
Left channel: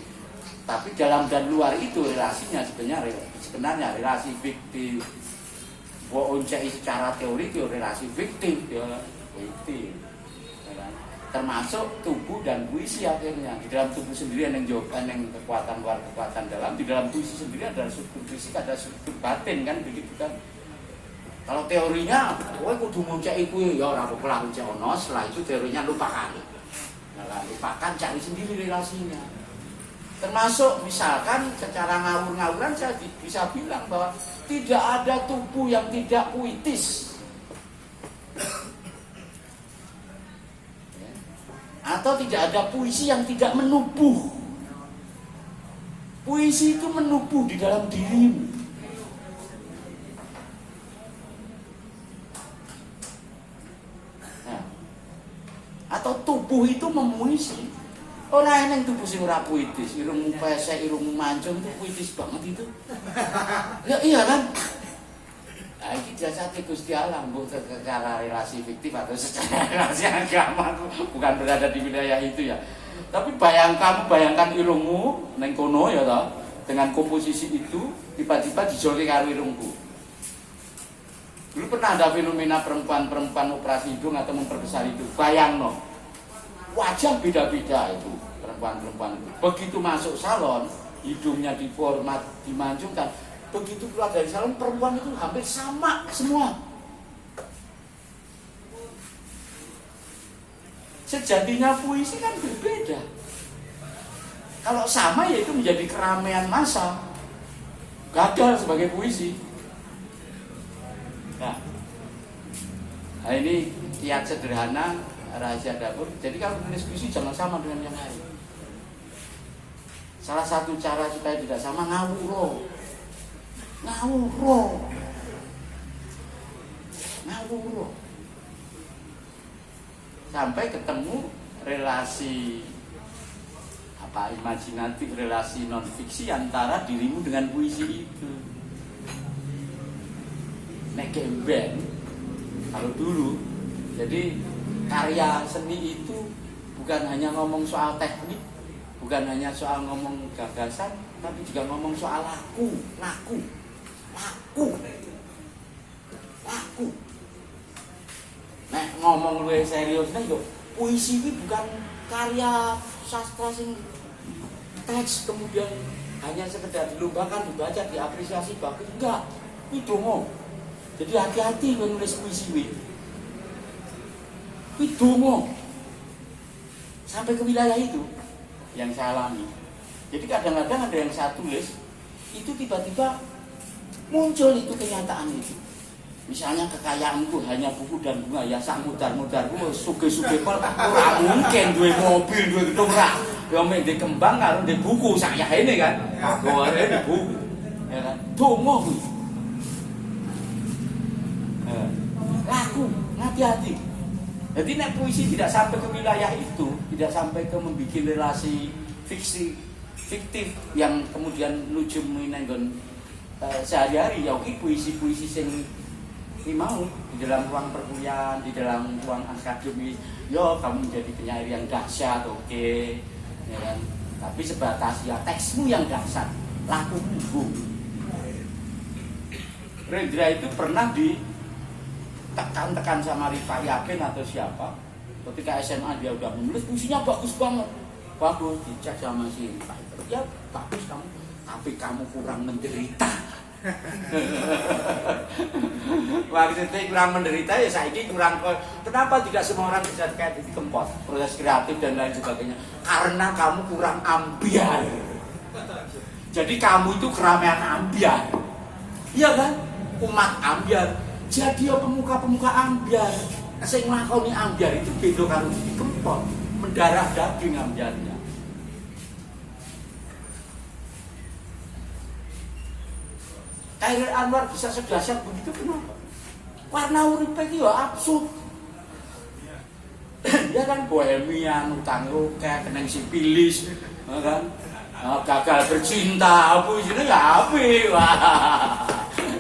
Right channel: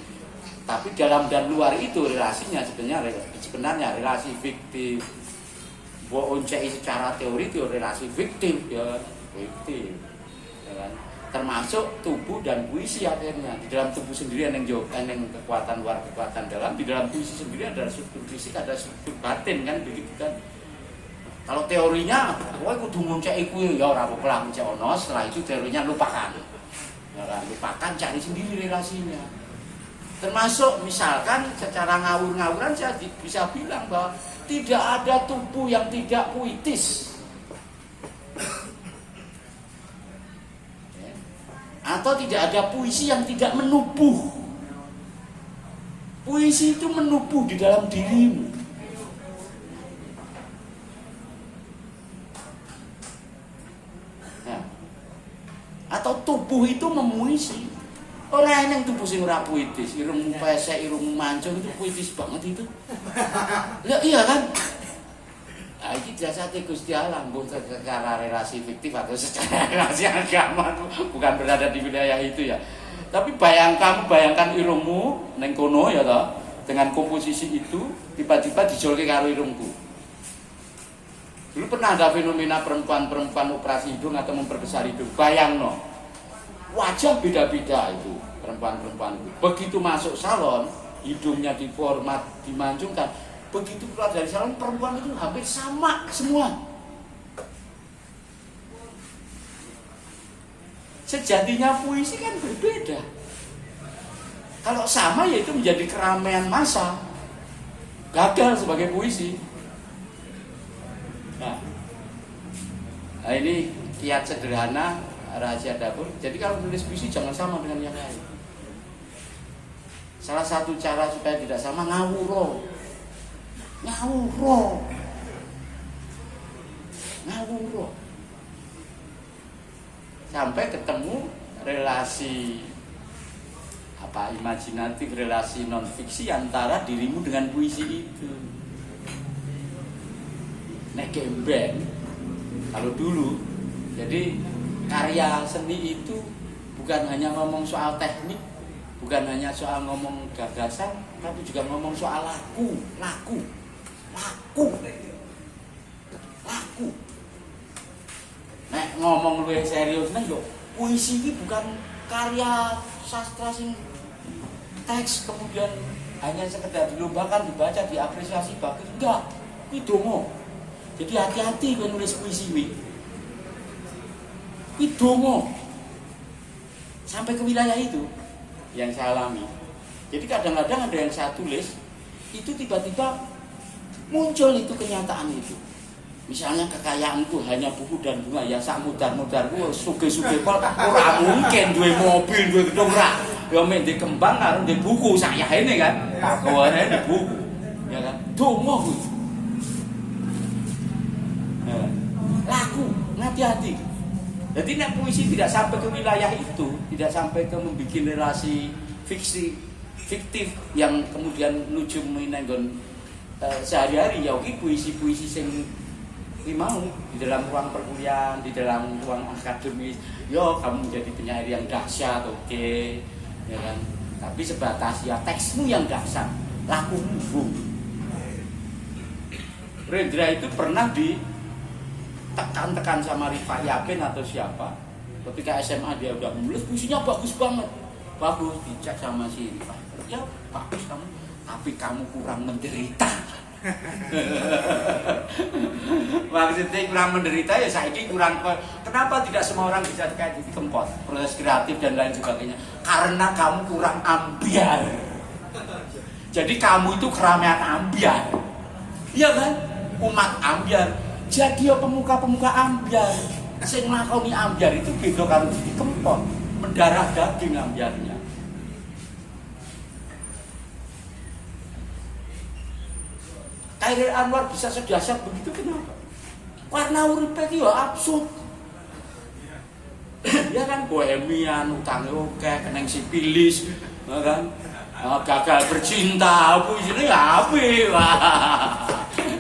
Tapi dalam dan luar itu relasinya sebenarnya relasi fiktif. Mbok uncai secara teori itu relasi fiktif ya, fiktif. Termasuk tubuh dan puisi akhirnya. Di dalam tubuh sendiri ada yang kekuatan luar, kekuatan dalam. Di dalam puisi sendiri ada struktur fisik, ada struktur batin kan begitu kan. Kalau teorinya, kowe kudu muncak iku ya ora apa-apa muncak ono, setelah itu teorinya lupakan. Lupakan, cari sendiri relasinya. Termasuk misalkan secara ngawur-ngawuran saya bisa bilang bahwa tidak ada tubuh yang tidak puitis. Atau asal tidak ada puisi yang tidak menubuh. Puisi itu menubuh di dalam dirimu. Nah, atau tubuh itu memuisi. Orang yang tubuh sing ora puitis, irung pesek, irung mancung itu puitis banget itu. Ya iya kan? Nah, ini jasate Gusti Allah, bukan secara relasi fiktif atau secara relasi agama, bukan berada di wilayah itu ya. Tapi bayangkan irungmu neng kono ya toh, dengan komposisi itu tiba-tiba dijolek karo irungku. Dulu pernah ada fenomena perempuan operasi hidung atau memperbesar hidung. Bayangno, wajah beda-beda itu perempuan. Begitu masuk salon, hidungnya diformat, dimancungkan. Begitu keluar dari salon, perempuan itu hampir sama semua. Sejatinya puisi kan berbeda. Kalau sama yaitu menjadi keramaian massa. Gagal sebagai puisi. Nah ini kiat sederhana rahasia dapur. Jadi kalau tulis puisi jangan sama dengan yang lain. Salah satu cara supaya tidak sama ngawuro. Sampai ketemu relasi imajinatif, relasi non fiksi antara dirimu dengan puisi itu. Nek gemben kalau dulu, jadi karya seni itu bukan hanya ngomong soal teknik, bukan hanya soal ngomong gagasan, tapi juga ngomong soal laku. Nek ngomong luwih serius nek yo puisi iki bukan karya sastra sing teks kemudian hanya sekedar dilombakan, dibaca, diapresiasi bagus, enggak. Kuwi donga. Jadi hati-hati menulis puisi kuwi. Kuwi donga. Sampai ke wilayah itu yang saya alami. Jadi kadang-kadang ada yang saya tulis itu tiba-tiba muncul itu kenyataan itu. Misalnya kekayaanku hanya buku dan bunga, ya sak mudar-mudar kuwi suge-suge kok ora mungkin duwe mobil, duwe ora. Ya mek ndek kembang karo ndek buku sak yahene kan. Gore ndek buku. Ya kan. Donga kuwi. Laku, hati-hati. Jadi nek puisi tidak sampai ke wilayah itu, tidak sampai ke membuat relasi fiktif yang kemudian nuju menenggon sehari-hari, ya oke puisi-puisi sing mau di dalam ruang perkuliahan, di dalam ruang akademis, yo kamu menjadi penyair yang dahsyat, oke, ya kan? Tapi sebatas ya teksmu yang dahsyat, laku buku. Rendra itu pernah ditekan-tekan sama Rifai Yakin atau siapa, ketika SMA dia udah menulis puisinya bagus banget, bagus dicek sama si Rifai, ya bagus kamu, tapi kamu kurang menderita. Maksudnya kurang menderita ya saya ini kurang. Kenapa tidak semua orang bisa kayak gitu kempot proses kreatif dan lain sebagainya? Karena kamu kurang ambiar. Jadi kamu itu keramaian ambiar, iya kan? Umat ambiar. Jadi ya pemuka-pemuka ambiar, sing nglakoni ambiar itu beda karo kempot, mendarah daging ambiarnya. Khairil Anwar bisa sedahsyat begitu kenapa? Karena urip iki ya absurd. Ya kan bohemian, utang oke, keneng sipilis, ya kan? Gagal bercinta, apa isine ya apik.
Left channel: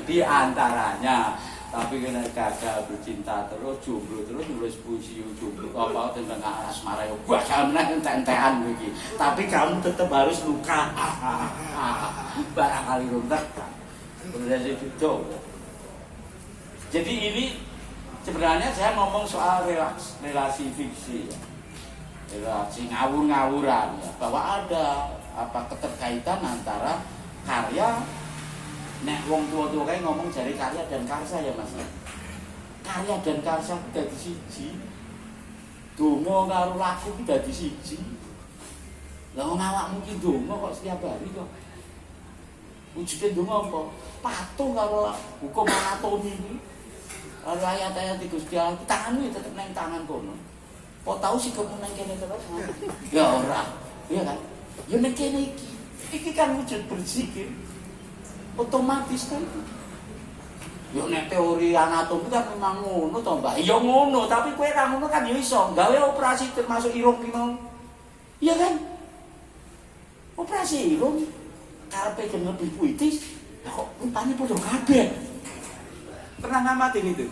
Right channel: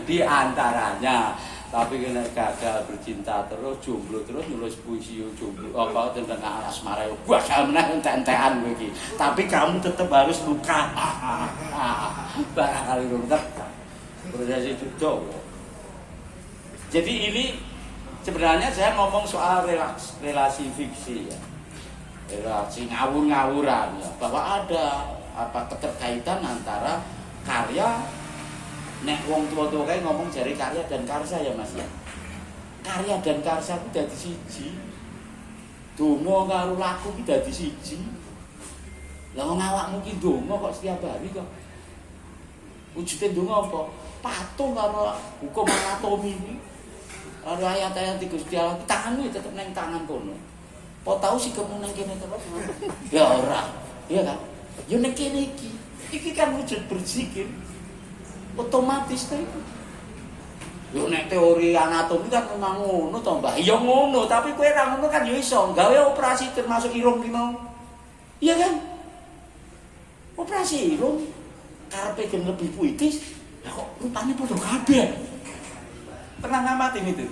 Di antaranya, tapi kena gagal bercinta terus, jomblo terus nulis puisi jomblo apa tentang asmara yo gua sampeyan entek-entekan iki. Tapi kamu tetap harus buka. Barangkali runtek. Proses itu jauh. Jadi ini sebenarnya saya ngomong soal relasi fiksi, relasi ngawur-ngawuran, bahwa ada keterkaitan antara karya, nek wong tua-tua ngomong dari karya dan karsa ya mas ya. Karya dan karsa itu dadi siji. Donga karo laku itu dadi siji. Lah wong awakmu ki donga kok setiap hari kok. Wujudnya donga apa? Patung karo hukum anatomi ini, ayat-ayat di Gusti Allah, tanganmu tetap neng tangan kono. kok tahu sih kok nang kene terus. Ya ora. Iya kan? Yo nek kene iki kan wujud berzikir. Otomatis kan itu. Yo nek teori anatomi kan memang ngono to, Mbak. Ya ngono, tapi kowe ra ngono kan yo iso gawe operasi termasuk irung ki mau. Iya kan? Operasi irung karepe gen lebih puitis. Ya kok rupane padha kabeh. Pernah ngamatin itu?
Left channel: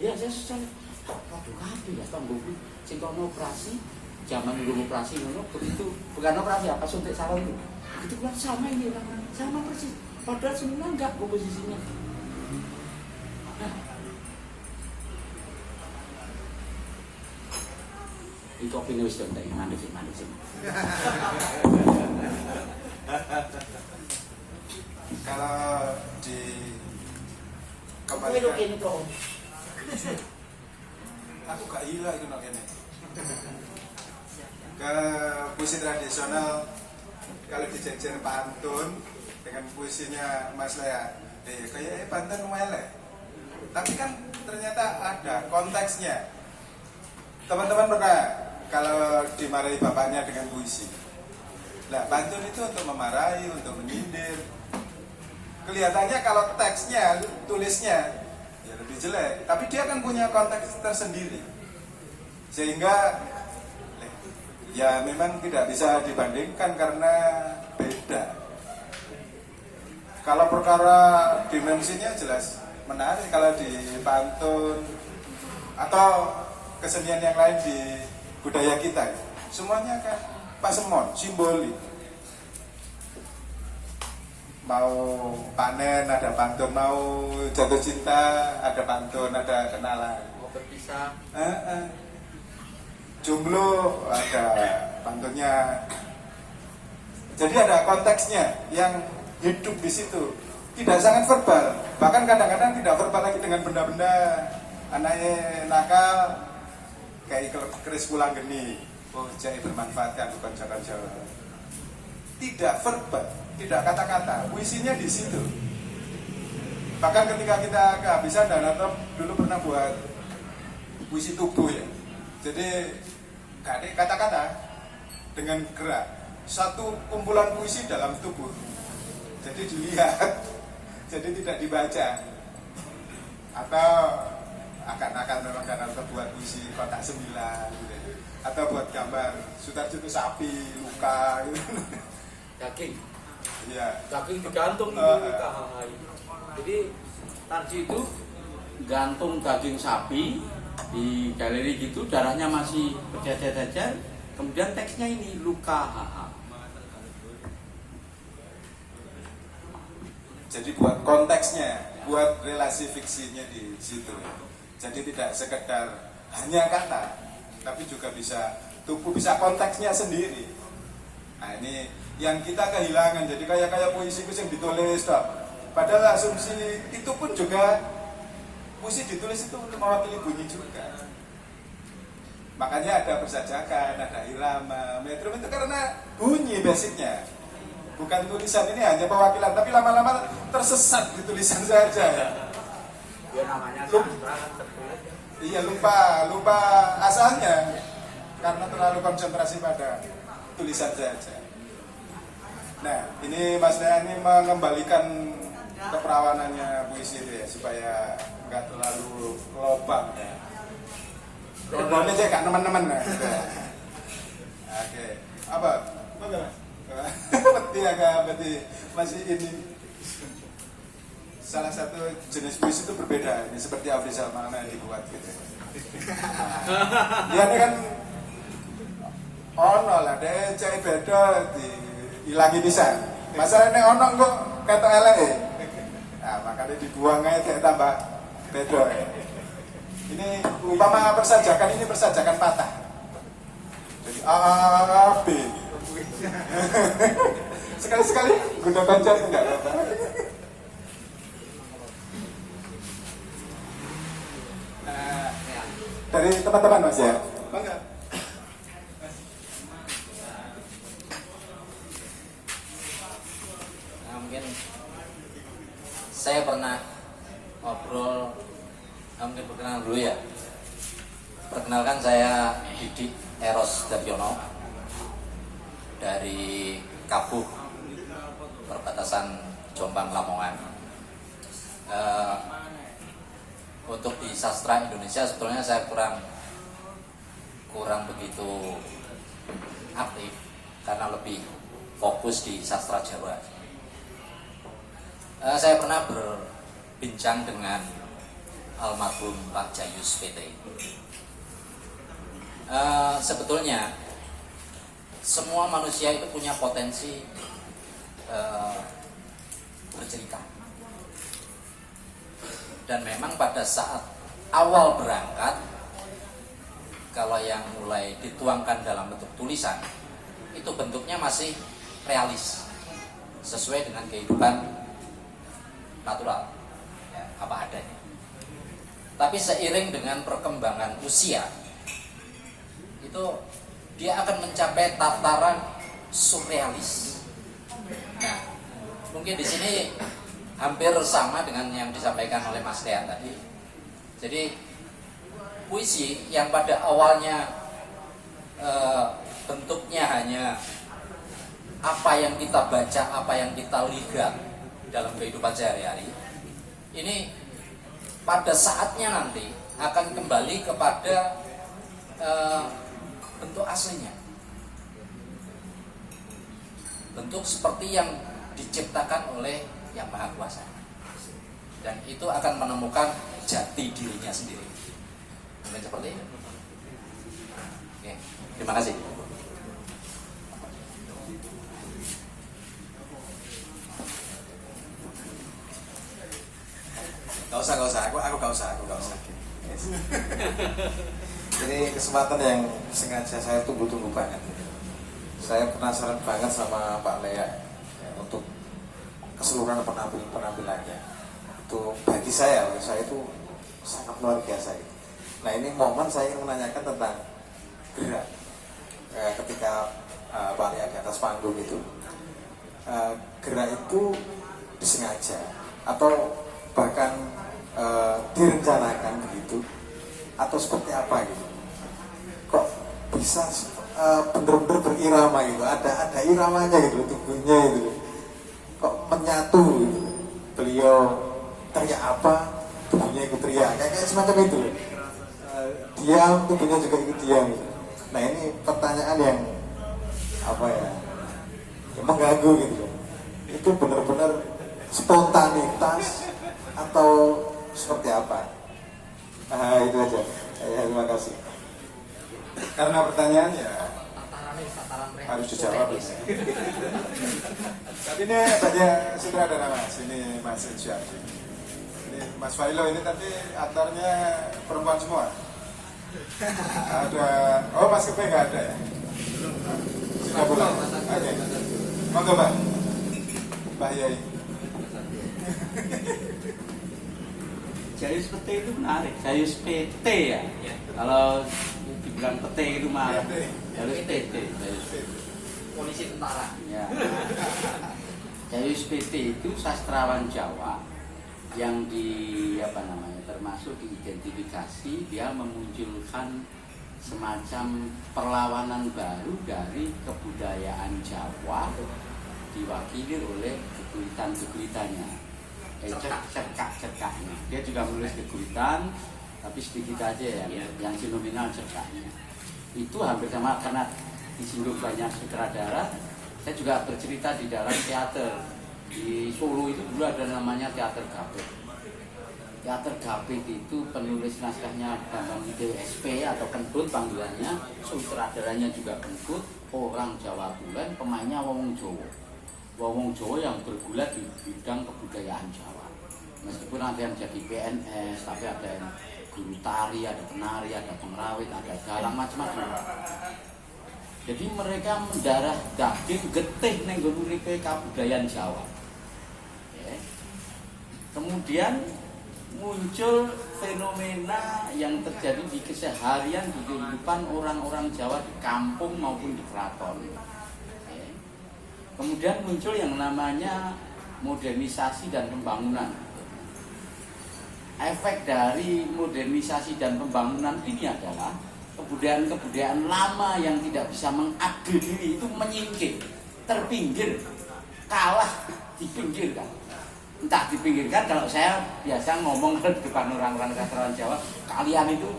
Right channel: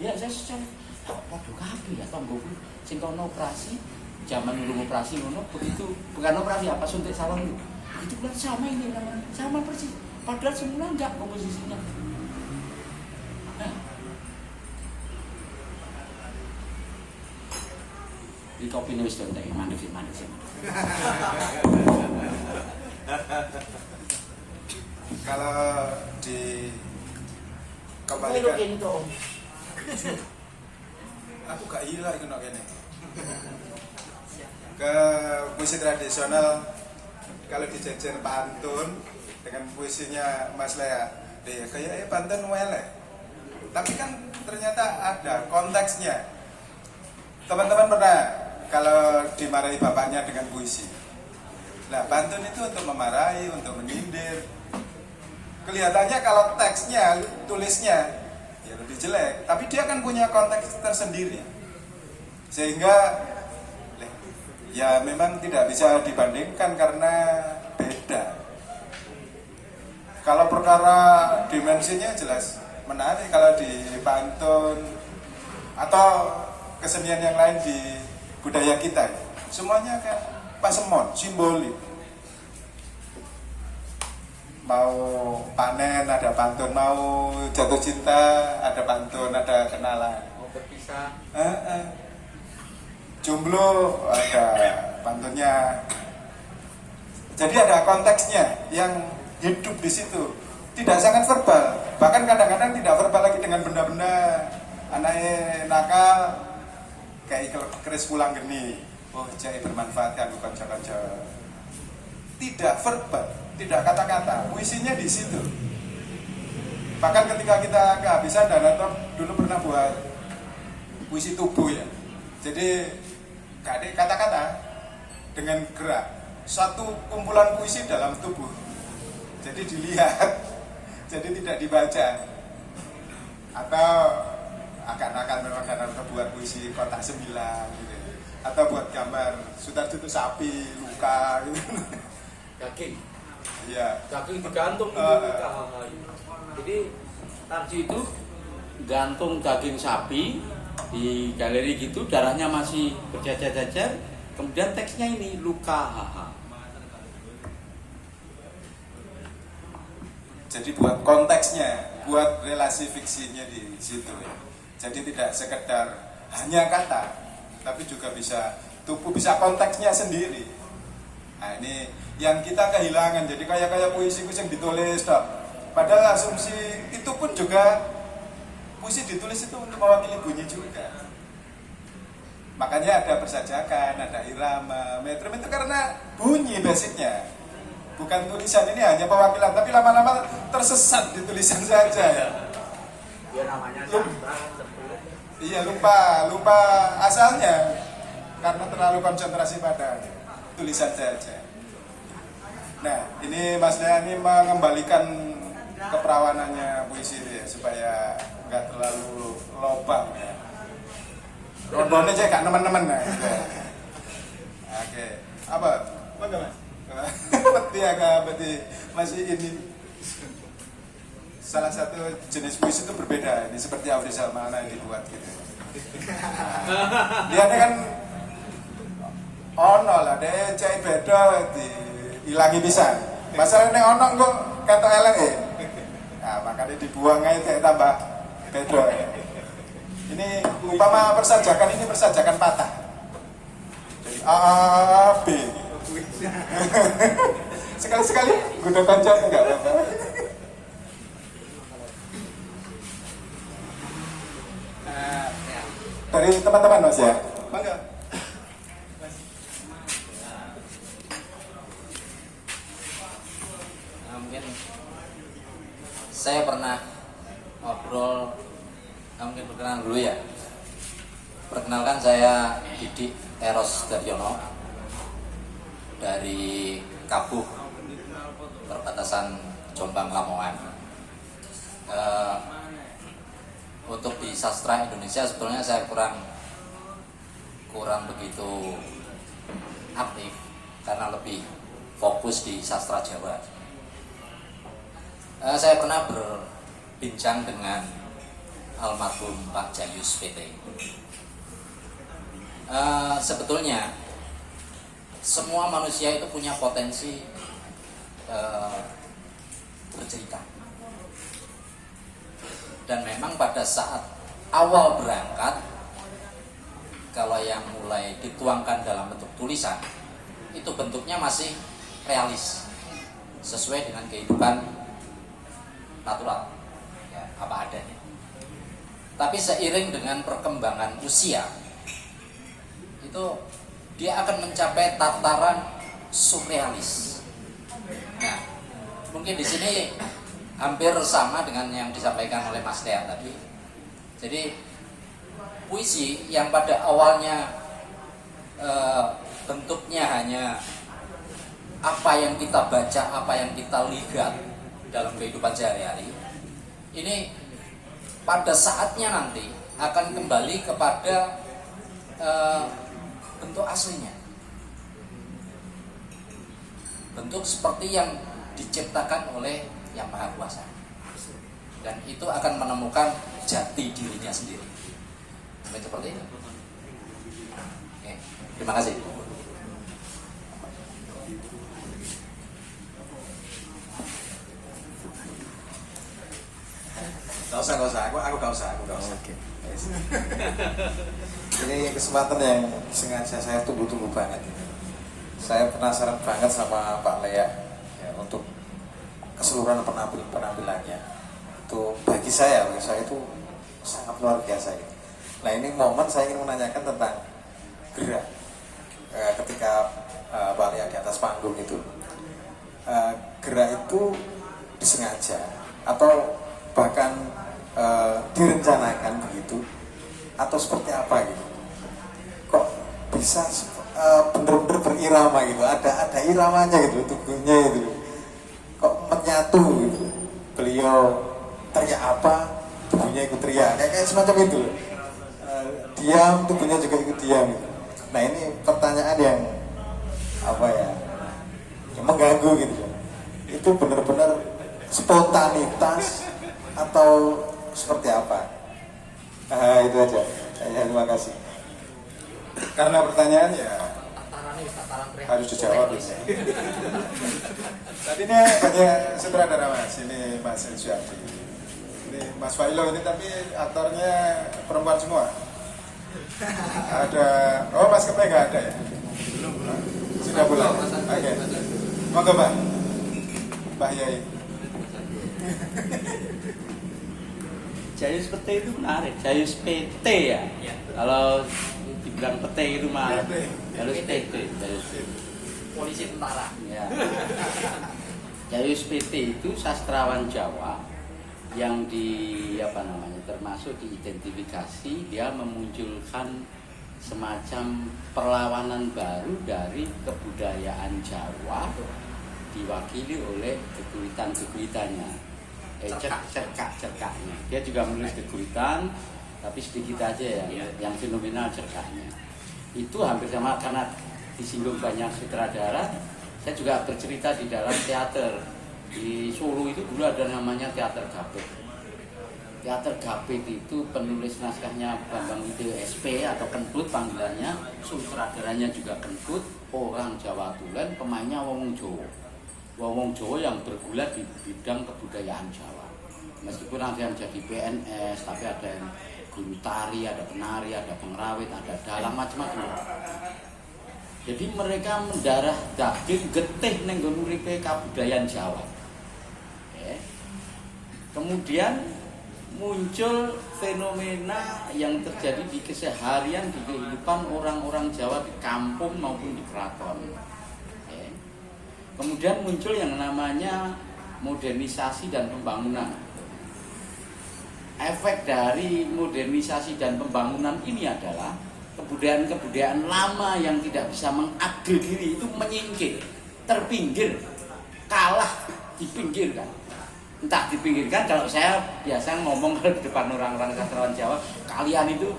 Ya saya secara padha kabeh ya tanggoku. Sing kono operasi, zaman dulu operasi ngono begitu. Bukan operasi apa suntik salon itu. Itu kan sama ini namanya, sama persis. Padahal semua enggak komposisinya. Nah. Ini kopi ini wis ndek mandek sih. Kalau di Kopi ini kok. aku gak ilah itu ini ke puisi tradisional. Kalau dijejer pantun dengan puisinya Mas Lea, kayaknya pantun welek, tapi kan ternyata ada konteksnya. Teman-teman pernah kalau dimarahi bapaknya dengan puisi, nah pantun itu untuk memarahi, untuk menyindir. Kelihatannya kalau teksnya, tulisnya ya lebih jelek, tapi dia kan punya konteks tersendiri, sehingga ya memang tidak bisa dibandingkan karena beda. Kalau perkara dimensinya jelas menarik kalau di pantun atau kesenian yang lain di budaya kita, semuanya kan pasemon, simbolik. Mau panen ada pantun, mau jatuh cinta ada pantun, ada kenalan. Mau berpisah. Jomblo ada pantunnya. Jadi ada konteksnya yang hidup di situ. Tidak sangat verbal, bahkan kadang-kadang tidak verbal lagi dengan benda-benda anaknya nakal kayak keris pulang geni. Oh, jadi bermanfaatkan konco-konco. Tidak verbal, tidak kata-kata. Puisinya di situ. Bahkan ketika kita kehabisan dana, dulu pernah buat puisi tubuh ya. Jadi kata-kata dengan gerak, satu kumpulan puisi dalam tubuh. Jadi dilihat, jadi tidak dibaca. Atau agak nakal memang karena buat puisi kotak 9 gitu. Atau buat gambar Sudarjo itu sapi luka gitu. Daging. Iya. Daging digantung itu Jadi tadi itu gantung daging sapi di galeri gitu, darahnya masih berjajar-jajar, kemudian teksnya ini luka. Jadi buat konteksnya, buat relasi fiksinya di situ ya. Jadi tidak sekedar hanya kata, tapi juga bisa tubuh, bisa konteksnya sendiri. Nah ini yang kita kehilangan. Jadi kayak puisi-puisi yang ditulis dok. Padahal asumsi itu pun juga puisi ditulis itu untuk mewakili bunyi juga. Makanya ada persajakan, ada irama, metrum itu karena bunyi basicnya. Bukan tulisan ini hanya perwakilan, tapi lama-lama tersesat di tulisan saja ya. Ya namanya sastra kan tertulis. Iya lupa asalnya karena terlalu konsentrasi pada tulisan saja. Nah ini Mas Lea ini mengembalikan keperawanannya puisi ya, supaya nggak terlalu lobang ya. Rodonnya aja gak teman-teman nah. Gitu. Oke, apa Mas? Berarti agak masih ini salah satu jenis puisi itu berbeda. Ini seperti Afrizal Makna yang dibuat gitu. Dia kan ono lah, dia cai beda dihilangi bisa. Masalahnya ono kok kata elek ya. Nah, makanya dibuang aja kayak tambah beda. Ini umpama persajakan, ini persajakan patah. Jadi A, B. Sekali-sekali guna pacar enggak? Dari teman-teman Mas ya. Bangga. Nah, mungkin saya pernah ngobrol, mungkin perkenalan dulu ya. Perkenalkan saya Didik Eros Daryono dari Kabuh perbatasan Jombang Lamongan. Untuk di sastra Indonesia sebetulnya saya kurang begitu aktif karena lebih fokus di sastra Jawa. Saya pernah berbincang dengan almarhum Pak Jayus PT. Sebetulnya semua manusia itu punya potensi bercerita. Dan memang pada saat awal berangkat, kalau yang mulai dituangkan dalam bentuk tulisan, itu bentuknya masih realis, sesuai dengan kehidupan natural, ya, apa adanya. Tapi seiring dengan perkembangan usia, itu dia akan mencapai tataran surrealis. Nah, mungkin di sini hampir sama dengan yang disampaikan oleh Mas Tea tadi. Jadi puisi yang pada awalnya bentuknya hanya apa yang kita baca, apa yang kita lihat dalam kehidupan sehari-hari, ini pada saatnya nanti akan kembali kepada bentuk aslinya, bentuk seperti yang diciptakan oleh Yang Maha Kuasa, dan itu akan menemukan jati dirinya sendiri. Mungkin seperti itu. Ya, terima kasih. Gak usah, aku gak usah. Ini kesempatan yang sengaja saya tunggu-tunggu banget. Saya penasaran banget sama Pak Lea ya, untuk keseluruhan penampilannya. Itu bagi saya itu sangat luar biasa. Nah, ini momen saya ingin menanyakan tentang gerak ketika Pak Lea di atas panggung itu. Gerak itu disengaja atau bahkan direncanakan begitu atau seperti apa gitu? Kok bisa benar-benar berirama gitu? Ada iramanya gitu, tubuhnya itu. Kok menyatu gitu? Beliau teriak apa, tubuhnya ikut teriak, kayak semacam itu. Diam, tubuhnya juga ikut diam gitu. Nah, ini pertanyaan yang apa ya? Yang mengganggu gitu. Itu benar-benar spontanitas atau seperti apa? Itu aja. Terima kasih. Karena pertanyaan ya harus dijawab. Tadi ini banyak sutradara Mas, ini Mas Syarfi, ini Mas Failo, ini tadi aktornya perempuan semua. Ada, Mas Kepe nggak ada ya? Sudah pulang. Oke. Monggo Mbak Yai. Jayus PT itu menarik. Jayus PT ya. Kalau dibilang PT itu mah harus PT. Polisi tentara. Ya. Jayus PT itu sastrawan Jawa yang termasuk diidentifikasi, dia memunculkan semacam perlawanan baru dari kebudayaan Jawa, diwakili oleh kegulitan-kegulitannya, cerkak-cerkaknya. Dia juga menulis kegulitan, tapi sedikit aja yang fenomenal cerkaknya. Itu hampir sama, karena disinggung banyak sutradara. Saya juga bercerita di dalam teater di Solo itu dulu ada namanya Teater Gapit. Teater Gapit itu penulis naskahnya Bambang SP atau Kentut panggilannya, sutradaranya juga Kentut, orang Jawa Tulen, pemainnya Wong Jawa. Wong Jawa yang bergulat di bidang kebudayaan Jawa. Meskipun ada yang jadi PNS, tapi ada yang guru tari, ada penari, ada pengrawit, ada dalang, macam-macam. Jadi mereka mendarah daging getih ning nguripe kebudayaan Jawa. Oke. Kemudian muncul fenomena yang terjadi di keseharian di kehidupan orang-orang Jawa di kampung maupun di keraton. Oke. Kemudian muncul yang namanya modernisasi dan pembangunan. Efek dari modernisasi dan pembangunan ini adalah kebudayaan-kebudayaan lama yang tidak bisa mengupdate diri itu menyingkir, terpinggir, kalah, dipinggirkan. Entah dipinggirkan, kalau saya biasa ngomong di depan orang-orang sastrawan Jawa, kalian itu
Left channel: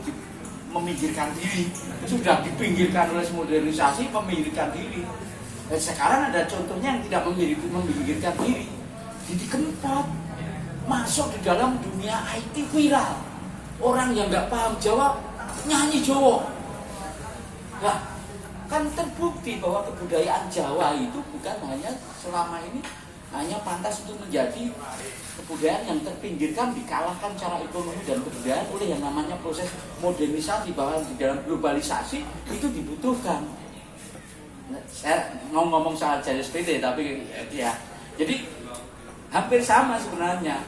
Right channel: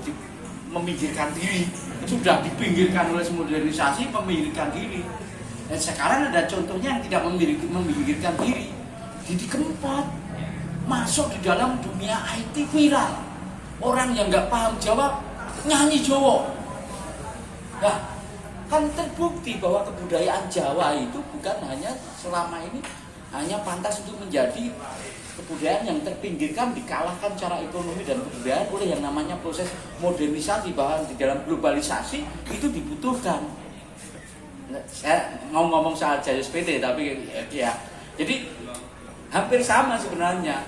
meminggirkan diri, sudah dipinggirkan oleh modernisasi, meminggirkan diri. Dan sekarang ada contohnya yang tidak meminggirkan diri, Didi Kempot masuk di dalam dunia IT viral. Orang yang nggak paham Jawa nyanyi Jawa. Nah, kan terbukti bahwa kebudayaan Jawa itu bukan hanya selama ini hanya pantas untuk menjadi kebudayaan yang terpinggirkan, dikalahkan secara ekonomi dan kebudayaan oleh yang namanya proses modernisasi, bahwa di dalam globalisasi itu dibutuhkan. Saya mau ngomong soal jalur sepeda, tapi ya jadi hampir sama sebenarnya.